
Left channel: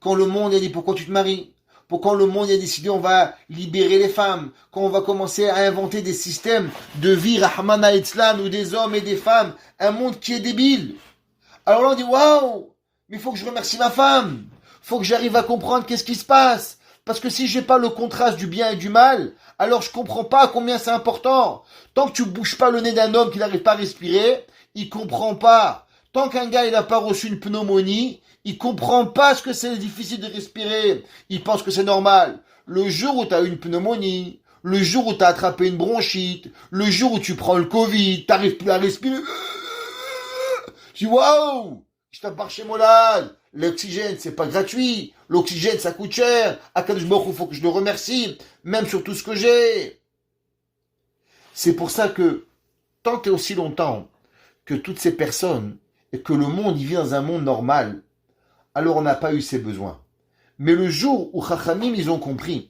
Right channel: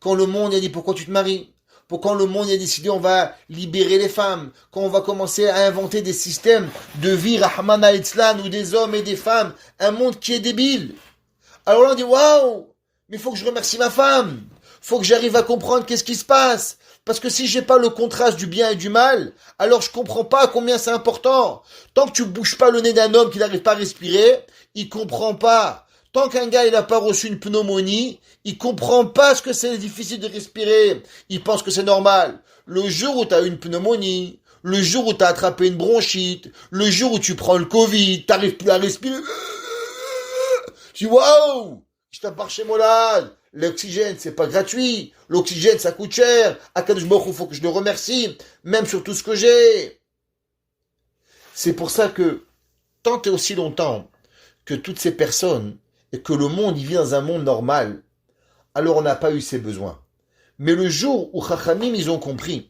Quand le monde a dit pourquoi tu te maries? Pourquoi le monde a décidé on va libérer les femmes? Quand on va commencer à inventer des systèmes de vie, Rahman al-Islam, où des hommes et des femmes, un monde qui est débile. Alors là on dit waouh, mais il faut que je remercie ma femme. Il faut que j'arrive à comprendre qu'est-ce qui se passe. Parce que si j'ai pas le contraste du bien et du mal, alors je comprends pas combien c'est important. Tant que tu bouges pas le nez d'un homme qui n'arrive pas à respirer, il comprend pas. Tant qu'un gars il n'a pas reçu une pneumonie, il comprend pas ce que c'est difficile de respirer. Il pense que c'est normal. Le jour où tu as une pneumonie, le jour où tu as attrapé une bronchite, le jour où tu prends le Covid, tu n'arrives plus à respirer. Tu dis waouh, je t'appartiens chez Molad. L'oxygène, c'est pas gratuit. L'oxygène, ça coûte cher. À quel moment il faut que je le remercie, même sur tout ce que j'ai. C'est pour ça que, tant et aussi longtemps que toutes ces personnes, et que le monde, il vit dans un monde normal, alors on n'a pas eu ces besoins. Mais le jour où Chachamim, ils ont compris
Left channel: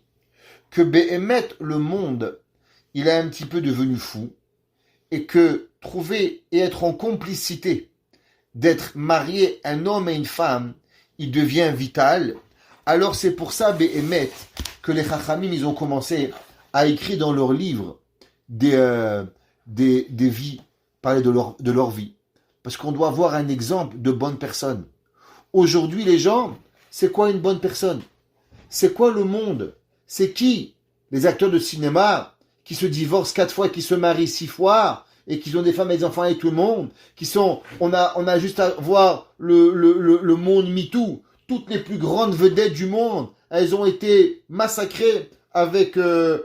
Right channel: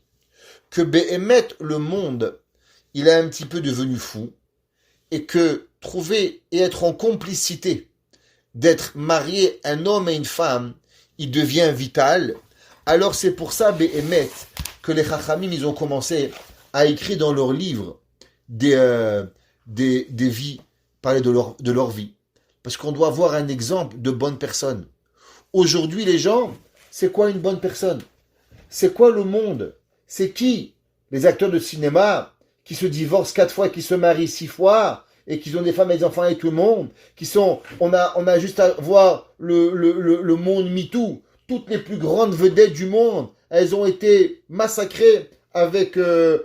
que Behemet, le monde, il est un petit peu devenu fou, et que trouver et être en complicité, d'être marié un homme et une femme, il devient vital. Alors c'est pour ça, Behemet, que les Chachamim, ils ont commencé à écrire dans leurs livres des vies, parler de leur vie. Parce qu'on doit avoir un exemple de bonne personne. Aujourd'hui, les gens, c'est quoi une bonne personne? C'est quoi le monde? C'est qui? Les acteurs de cinéma qui se divorcent 4 fois, qui se marient 6 fois, et qui ont des femmes et des enfants avec tout le monde, qui sont, on a juste à voir le monde MeToo. Toutes les plus grandes vedettes du monde, elles ont été massacrées avec on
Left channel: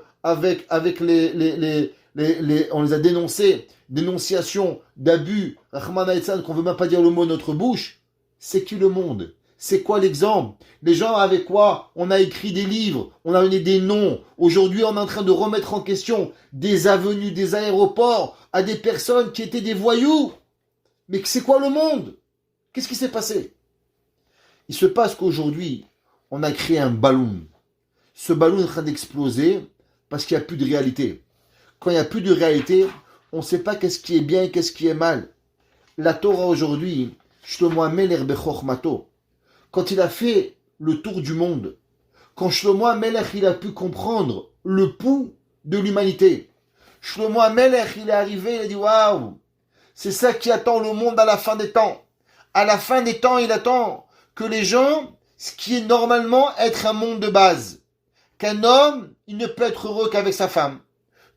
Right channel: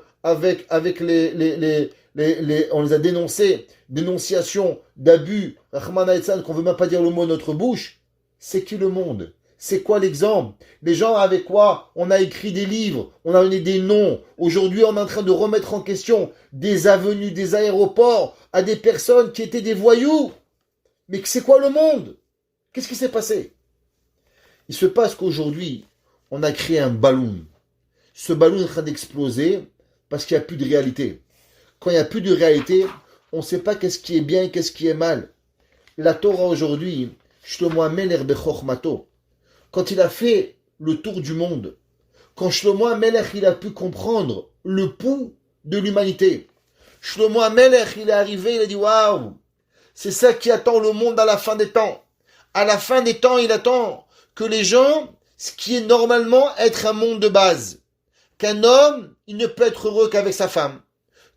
les a dénoncées, dénonciation d'abus, Rahman al-Islam, qu'on veut même pas dire le mot de notre bouche. C'est qui le monde? C'est quoi l'exemple? Les gens avec quoi on a écrit des livres, on a donné des noms. Aujourd'hui, on est en train de remettre en question des avenues, des aéroports à des personnes qui étaient des voyous. Mais c'est quoi le monde? Qu'est-ce qui s'est passé? Il se passe qu'aujourd'hui, on a créé un ballon. Ce ballon est en train d'exploser parce qu'il n'y a plus de réalité. Quand il n'y a plus de réalité, on ne sait pas qu'est-ce qui est bien et qu'est-ce qui est mal. La Torah aujourd'hui, Shlomo HaMelech bechormato, quand il a fait le tour du monde, quand Shlomo HaMelech il a pu comprendre le pouls de l'humanité, Shlomo HaMelech il est arrivé, il a dit waouh, c'est ça qui attend le monde à la fin des temps. À la fin des temps, il attend que les gens, ce qui est normalement être un monde de base, qu'un homme, il ne peut être heureux qu'avec sa femme,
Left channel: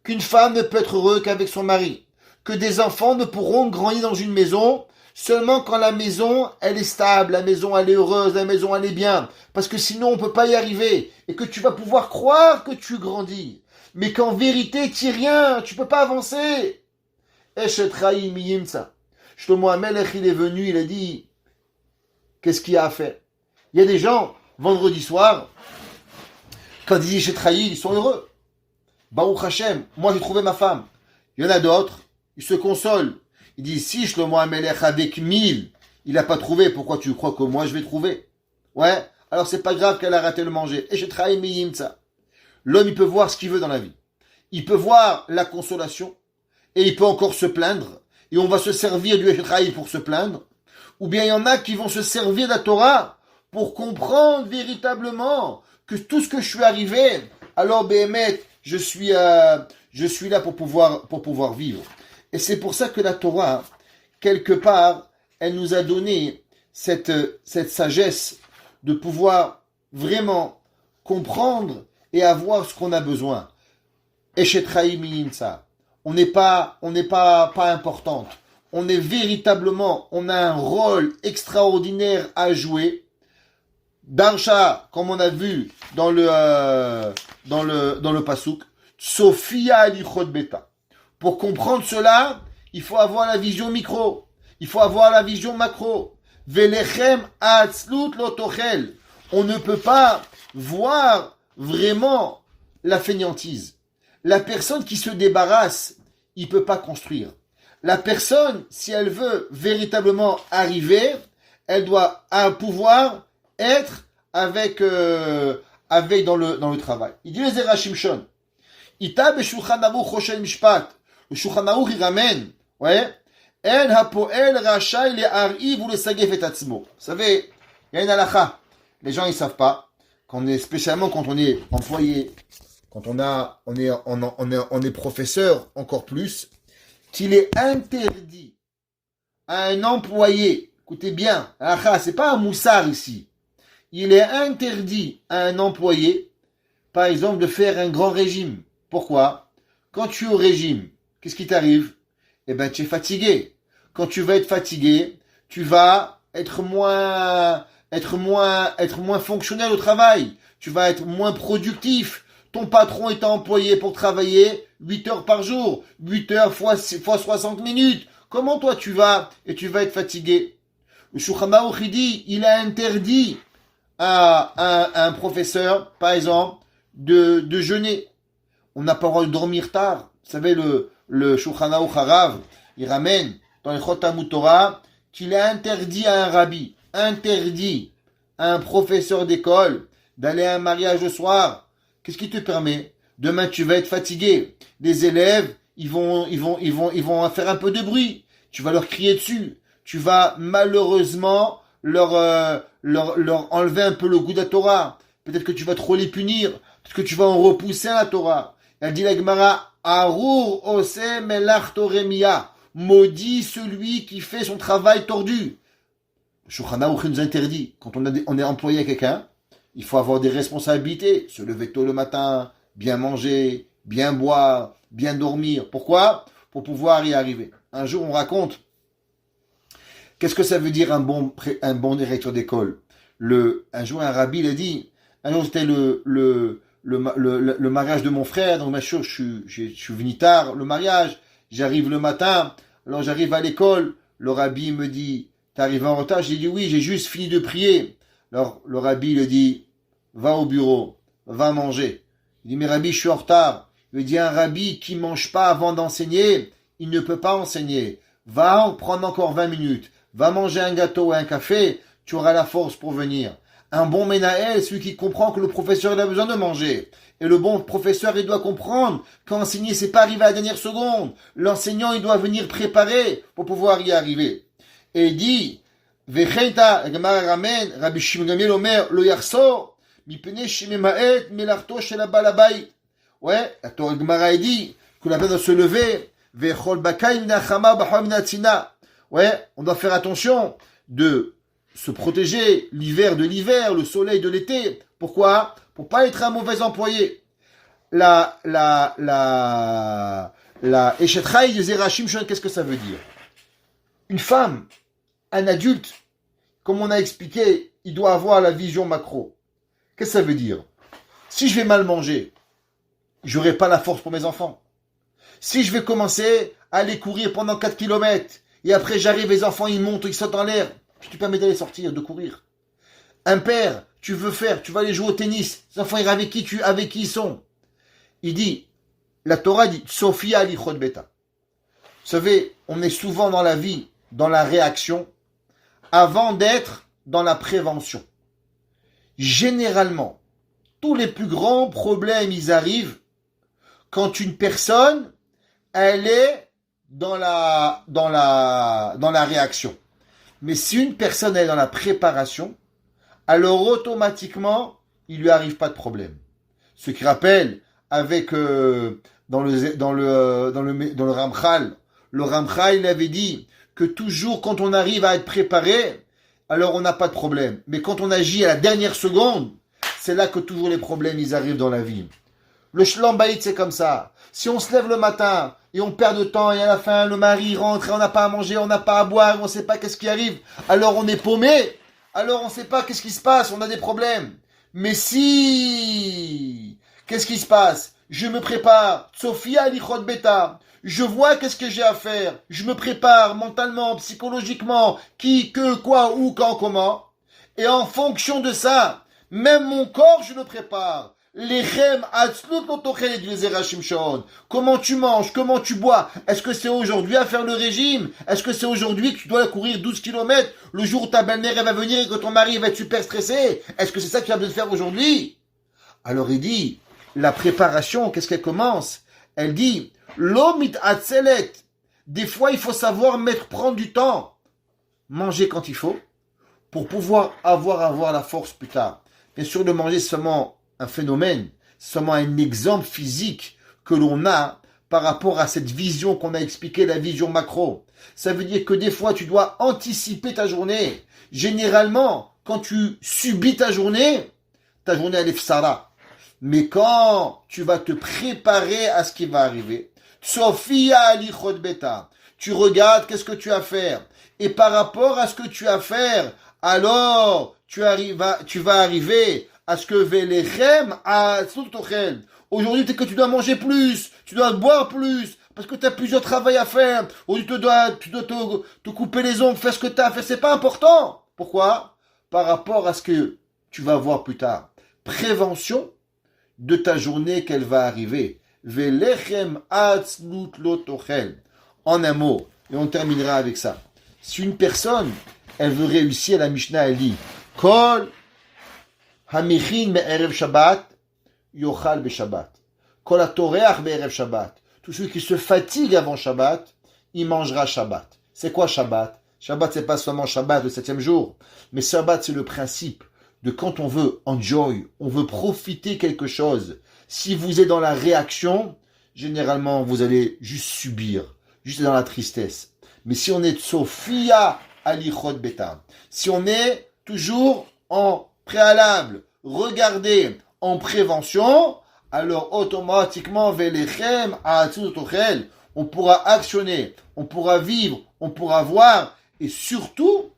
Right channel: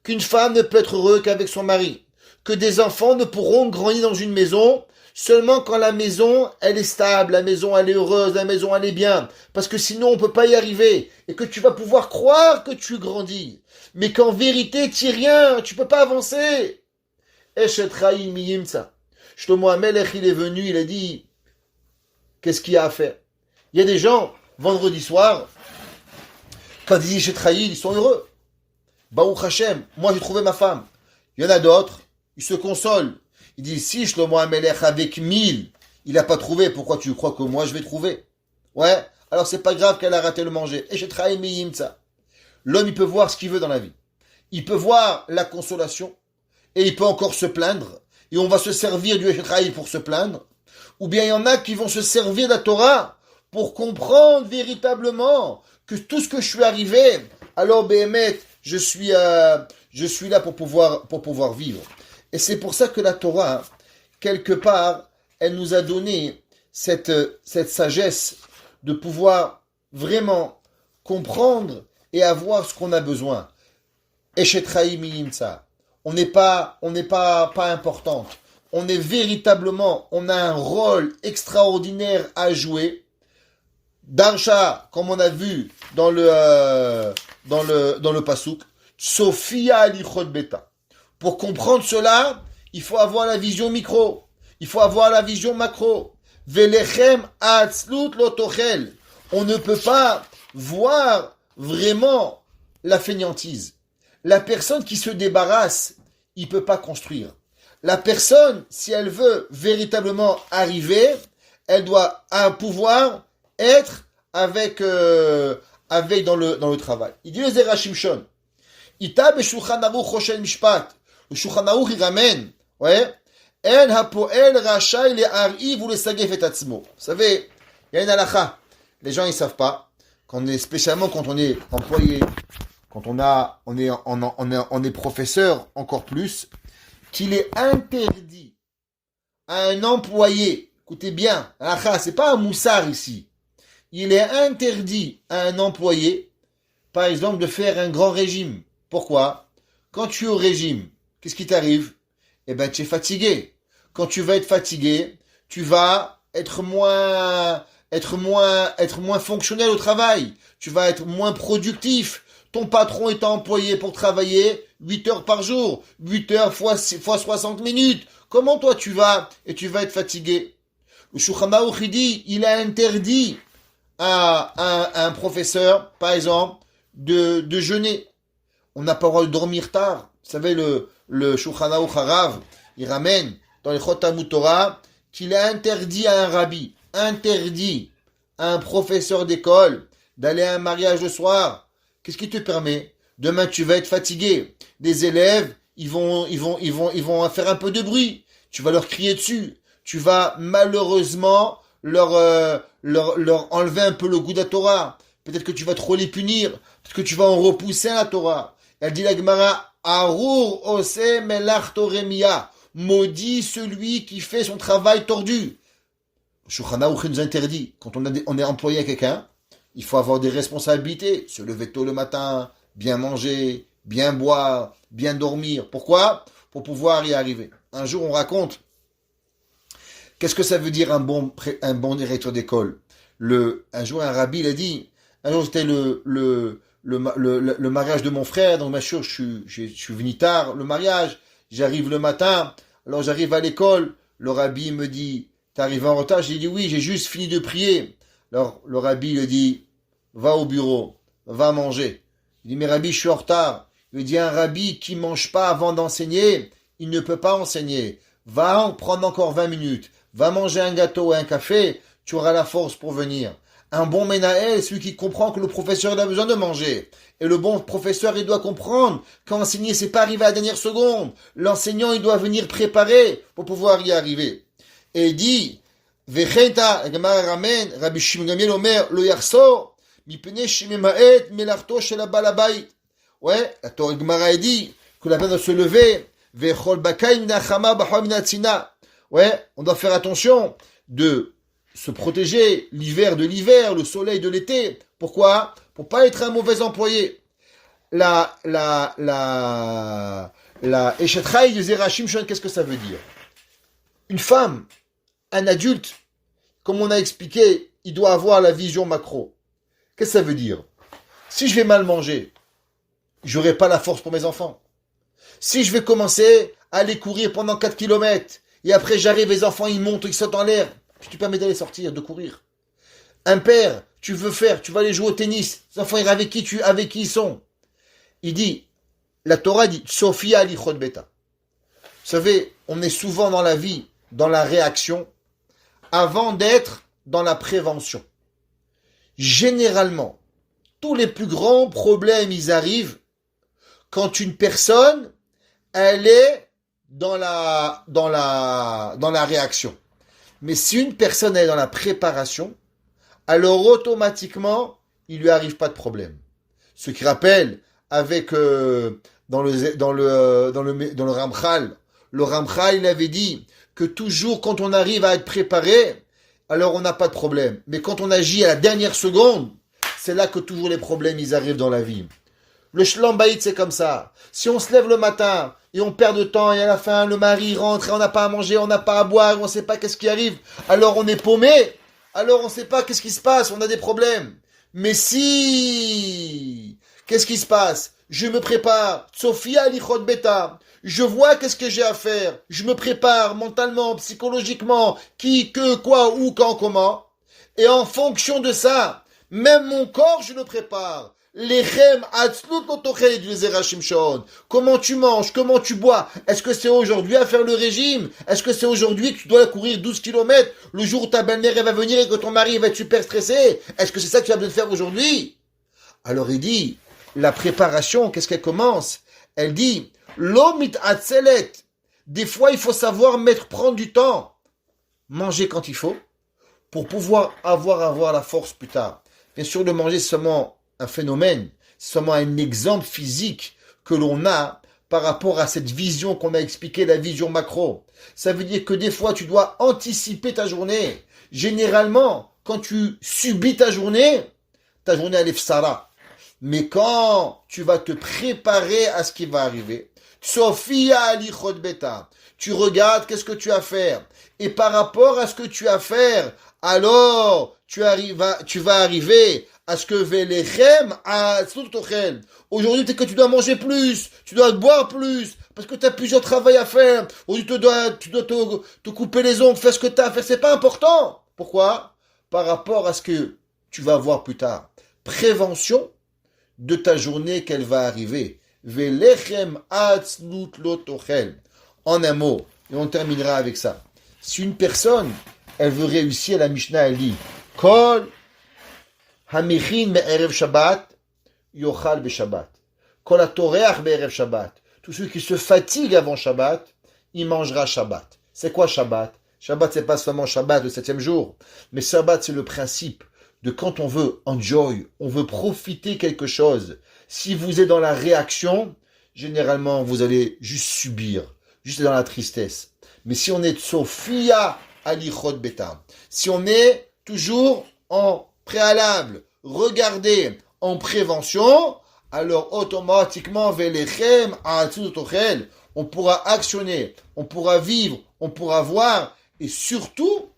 qu'une femme ne peut être heureuse qu'avec son mari, que des enfants ne pourront grandir dans une maison seulement quand la maison, elle est stable, la maison, elle est heureuse, la maison, elle est bien. Parce que sinon, on ne peut pas y arriver. Et que tu vas pouvoir croire que tu grandis. Mais qu'en vérité, tu n'es rien, tu ne peux pas avancer. Eshetraï miyimsa. Shlomo HaMelech, il est venu, il a dit, qu'est-ce qu'il y a à faire? Il y a des gens, vendredi soir, quand ils disent Eshetraï, ils sont heureux. Baruch Hashem, moi j'ai trouvé ma femme. Il y en a d'autres, ils se consolent. Ils disent, si Shlomo HaMelech avec 1000, il n'a pas trouvé, pourquoi tu crois que moi je vais trouver? Ouais, alors c'est pas grave qu'elle a raté le manger. Et j'ai travaillé ça. L'homme, il peut voir ce qu'il veut dans la vie. Il peut voir la consolation, et il peut encore se plaindre, et on va se servir du Eshetraï pour se plaindre. Ou bien il y en a qui vont se servir de la Torah pour comprendre véritablement que tout ce que je suis arrivé, alors Béhémet, je suis là pour pouvoir vivre. Et c'est pour ça que la Torah, quelque part, elle nous a donné cette sagesse de pouvoir vraiment comprendre et avoir ce qu'on a besoin. Eshetraï miyimsa. On n'est pas importante. On est véritablement, on a un rôle extraordinaire à jouer. Darsha, comme on a vu dans le Passouk, Sophia alichot beta. Pour comprendre cela, il faut avoir la vision micro. Il faut avoir la vision macro. Velechem atzlut lotochel. On ne peut pas voir vraiment la fainéantise. La personne qui se débarrasse, il ne peut pas construire. La personne, si elle veut véritablement arriver, elle doit pouvoir être avec dans le travail. Il dit le Zera Shimshon. Ita b'shulchan aruch choshen mishpat. Le Shulchan Aruch il ramène, ouais, En hapoel rachai le'ar'iv ou le sagef et atzmo. Vous savez, il y a une halakha. les gens ils savent pas, spécialement quand on est employé, quand on est professeur encore plus, qu'il est interdit à un employé, écoutez bien, c'est pas un moussard ici, il est interdit à un employé, par exemple, de faire un grand régime. Pourquoi? Quand tu es au régime, qu'est-ce qui t'arrive? Eh ben, tu es fatigué. Quand tu vas être fatigué, tu vas être moins fonctionnel au travail. Tu vas être moins productif. Ton patron est employé pour travailler 8 heures par jour. 8 heures fois 60 minutes. Comment toi tu vas et tu vas être fatigué? Le Shulchan Aruch dit, il a interdit à un professeur, par exemple, de jeûner. On n'a pas le droit de dormir tard. Vous savez, le Shulchan Aruch Harav, il ramène dans les Chotamut Torah qu'il a interdit à un rabbi, interdit à un professeur d'école d'aller à un mariage le soir. Qu'est-ce qui te permet? Demain, tu vas être fatigué. Les élèves, ils vont faire un peu de bruit. Tu vas leur crier dessus. Tu vas malheureusement leur enlever un peu le goût de la Torah. Peut-être que tu vas trop les punir. Peut-être que tu vas en repousser à la Torah. Elle dit la Gemara, Arur ose melach toremia. Maudit celui qui fait son travail tordu. Le Shulchan Aruch nous interdit, quand on est employé à quelqu'un, il faut avoir des responsabilités. Se lever tôt le matin, bien manger, bien boire, bien dormir. Pourquoi? Pour pouvoir y arriver. Un jour, on raconte, qu'est-ce que ça veut dire un bon directeur d'école? Un jour, un rabbi l'a dit, un jour, c'était le mariage de mon frère, donc bien sûr, je suis venu tard, le mariage, j'arrive le matin, alors j'arrive à l'école, le rabbi me dit, t'es arrivé en retard? J'ai dit oui, j'ai juste fini de prier. Alors le rabbi lui dit, va au bureau, va manger. Il dit, mais rabbi, je suis en retard. Il lui dit, un rabbi qui ne mange pas avant d'enseigner, il ne peut pas enseigner. Va en prendre encore 20 minutes, va manger un gâteau et un café, tu auras la force pour venir. Un bon Ménaël, celui qui comprend que le professeur il a besoin de manger. Et le bon professeur, il doit comprendre qu'enseigner, c'est pas arriver à la dernière seconde. L'enseignant, il doit venir préparer pour pouvoir y arriver. Et il dit, Vechenta, la Gemara ramène, Rabbi Shimon Gamliel Omer, lo yarso, mipene shememaet, melarto shel abal habayit. Ouais, la Gemara dit que la peine doit se lever, vechol bakay minachama bachol minatzina. Ouais, on doit faire attention de se protéger l'hiver de l'hiver, le soleil de l'été. Pourquoi? Pour pas être un mauvais employé. La Eshet Chai de Zera Shimshon, qu'est-ce que ça veut dire? Une femme, un adulte, comme on a expliqué, il doit avoir la vision macro. Qu'est-ce que ça veut dire? Si je vais mal manger, j'aurai pas la force pour mes enfants. Si je vais commencer à aller courir pendant 4 kilomètres, et après j'arrive, les enfants ils montent, ils sautent en l'air, tu te permets d'aller sortir, de courir. Un père, tu vas aller jouer au tennis, les enfants avec qui ils sont. Il dit, la Torah dit, Sophia lichot beta. Vous savez, on est souvent dans la vie, dans la réaction, avant d'être dans la prévention. Généralement, tous les plus grands problèmes, ils arrivent quand une personne, elle est dans la réaction. Mais si une personne est dans la préparation, alors automatiquement, il lui arrive pas de problème. Ce qui rappelle avec dans le Ramchal, le Ramchal il avait dit que toujours quand on arrive à être préparé, alors on n'a pas de problème. Mais quand on agit à la dernière seconde, c'est là que toujours les problèmes ils arrivent dans la vie. Le shlam bayit c'est comme ça. Si on se lève le matin et on perd de temps et à la fin le mari rentre et on n'a pas à manger, on n'a pas à boire, on ne sait pas qu'est-ce qui arrive, alors on est paumé, alors on ne sait pas qu'est-ce qui se passe, on a des problèmes. Mais si, qu'est-ce qui se passe? Je me prépare, Sophia lichot beta, je vois qu'est-ce que j'ai à faire, je me prépare mentalement, psychologiquement, qui, que, quoi, où, quand, comment, et en fonction de ça, même mon corps je le prépare. Lechem atzlut lotochel du Zera Shimshon. Comment tu manges, comment tu bois? Est-ce que c'est aujourd'hui à faire le régime? Est-ce que c'est aujourd'hui que tu dois courir 12 kilomètres le jour où ta belle-mère va venir et que ton mari va être super stressé? Est-ce que c'est ça que tu as besoin de faire aujourd'hui? Alors il dit, la préparation, qu'est-ce qu'elle commence? Elle dit, l'omit atzelet. Des fois, il faut savoir prendre du temps. Manger quand il faut. pour pouvoir avoir la force plus tard. Bien sûr, le manger, c'est seulement un phénomène, c'est seulement un exemple physique que l'on a par rapport à cette vision qu'on a expliquée, la vision macro. Ça veut dire que des fois, tu dois anticiper ta journée. Généralement, quand tu subis ta journée elle est fsara. Mais quand tu vas te préparer à ce qui va arriver, Sophia alichot beta, tu regardes qu'est-ce que tu as à faire. Et par rapport à ce que tu as à faire, alors tu vas arriver à ce que velechem a tochel. Aujourd'hui, c'est que tu dois manger plus, tu dois boire plus, parce que tu as plusieurs travaux à faire. Aujourd'hui, tu dois te couper les ongles, faire ce que tu as à faire. C'est pas important. Pourquoi? Par rapport à ce que tu vas voir plus tard. Prévention de ta journée qu'elle va arriver. Velechem atzlut lotochel. En un mot, et on terminera avec ça. Si une personne, elle veut réussir, la Mishnah, elle dit Kol hamichin me'erev Shabbat yochal beShabbat. Kol hatoreach be'erev Shabbat. Tout celui qui se fatigue avant Shabbat, il mangera Shabbat. C'est quoi Shabbat? Shabbat, c'est pas seulement Shabbat, le 7e jour. Mais Shabbat, c'est le principe de quand on veut enjoy, on veut profiter quelque chose. Si vous êtes dans la réaction, généralement, vous allez juste subir, juste dans la tristesse. Mais si on est Sophia alichot beta, si on est toujours en préalable, regardez, en prévention, alors automatiquement, velechem a'atzutochel, on pourra actionner, on pourra vivre, on pourra voir, et surtout,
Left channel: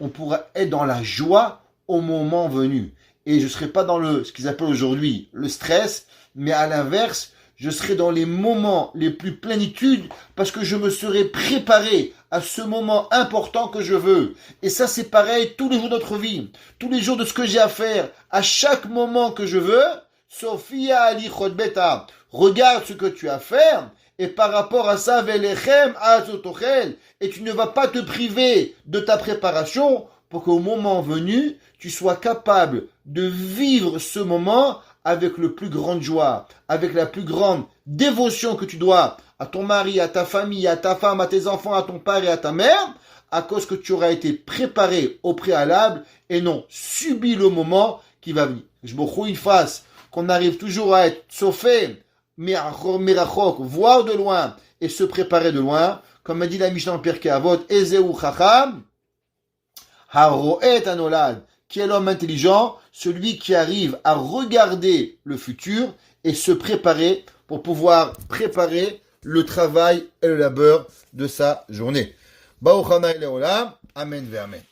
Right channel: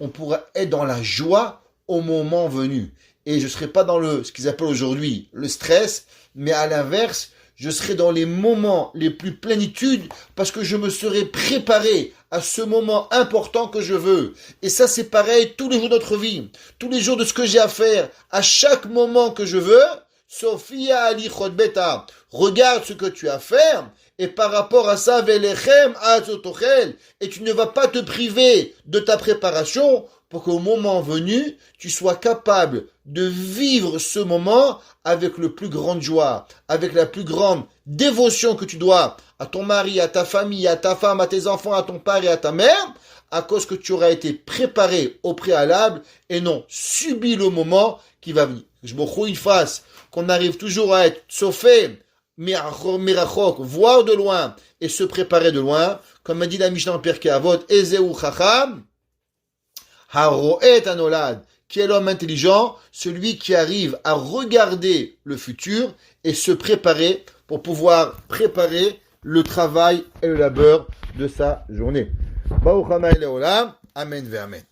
on pourra être dans la joie au moment venu. Et je ne serai pas dans ce qu'ils appellent aujourd'hui le stress, mais à l'inverse, je serai dans les moments les plus plénitudes parce que je me serai préparé à ce moment important que je veux. Et ça, c'est pareil tous les jours de notre vie, tous les jours de ce que j'ai à faire, à chaque moment que je veux. Sophia alichot beta, regarde ce que tu as à faire. Et par rapport à ça, velechem azotochel, et tu ne vas pas te priver de ta préparation pour qu'au moment venu, tu sois capable de vivre ce moment avec le plus grande joie, avec la plus grande dévotion que tu dois à ton mari, à ta famille, à ta femme, à tes enfants, à ton père et à ta mère, à cause que tu auras été préparé au préalable et non subi le moment qui va venir. Je me fasse qu'on arrive toujours à être chauffé, mirachok, voir de loin et se préparer de loin, comme a dit la Mishnah en Pirkei Avot, Ezeu chacham, haroet anolad, qui est l'homme intelligent, celui qui arrive à regarder le futur et se préparer pour pouvoir préparer le travail et le labeur de sa journée. Baruch Hanai Leolam, Amen ve Amen.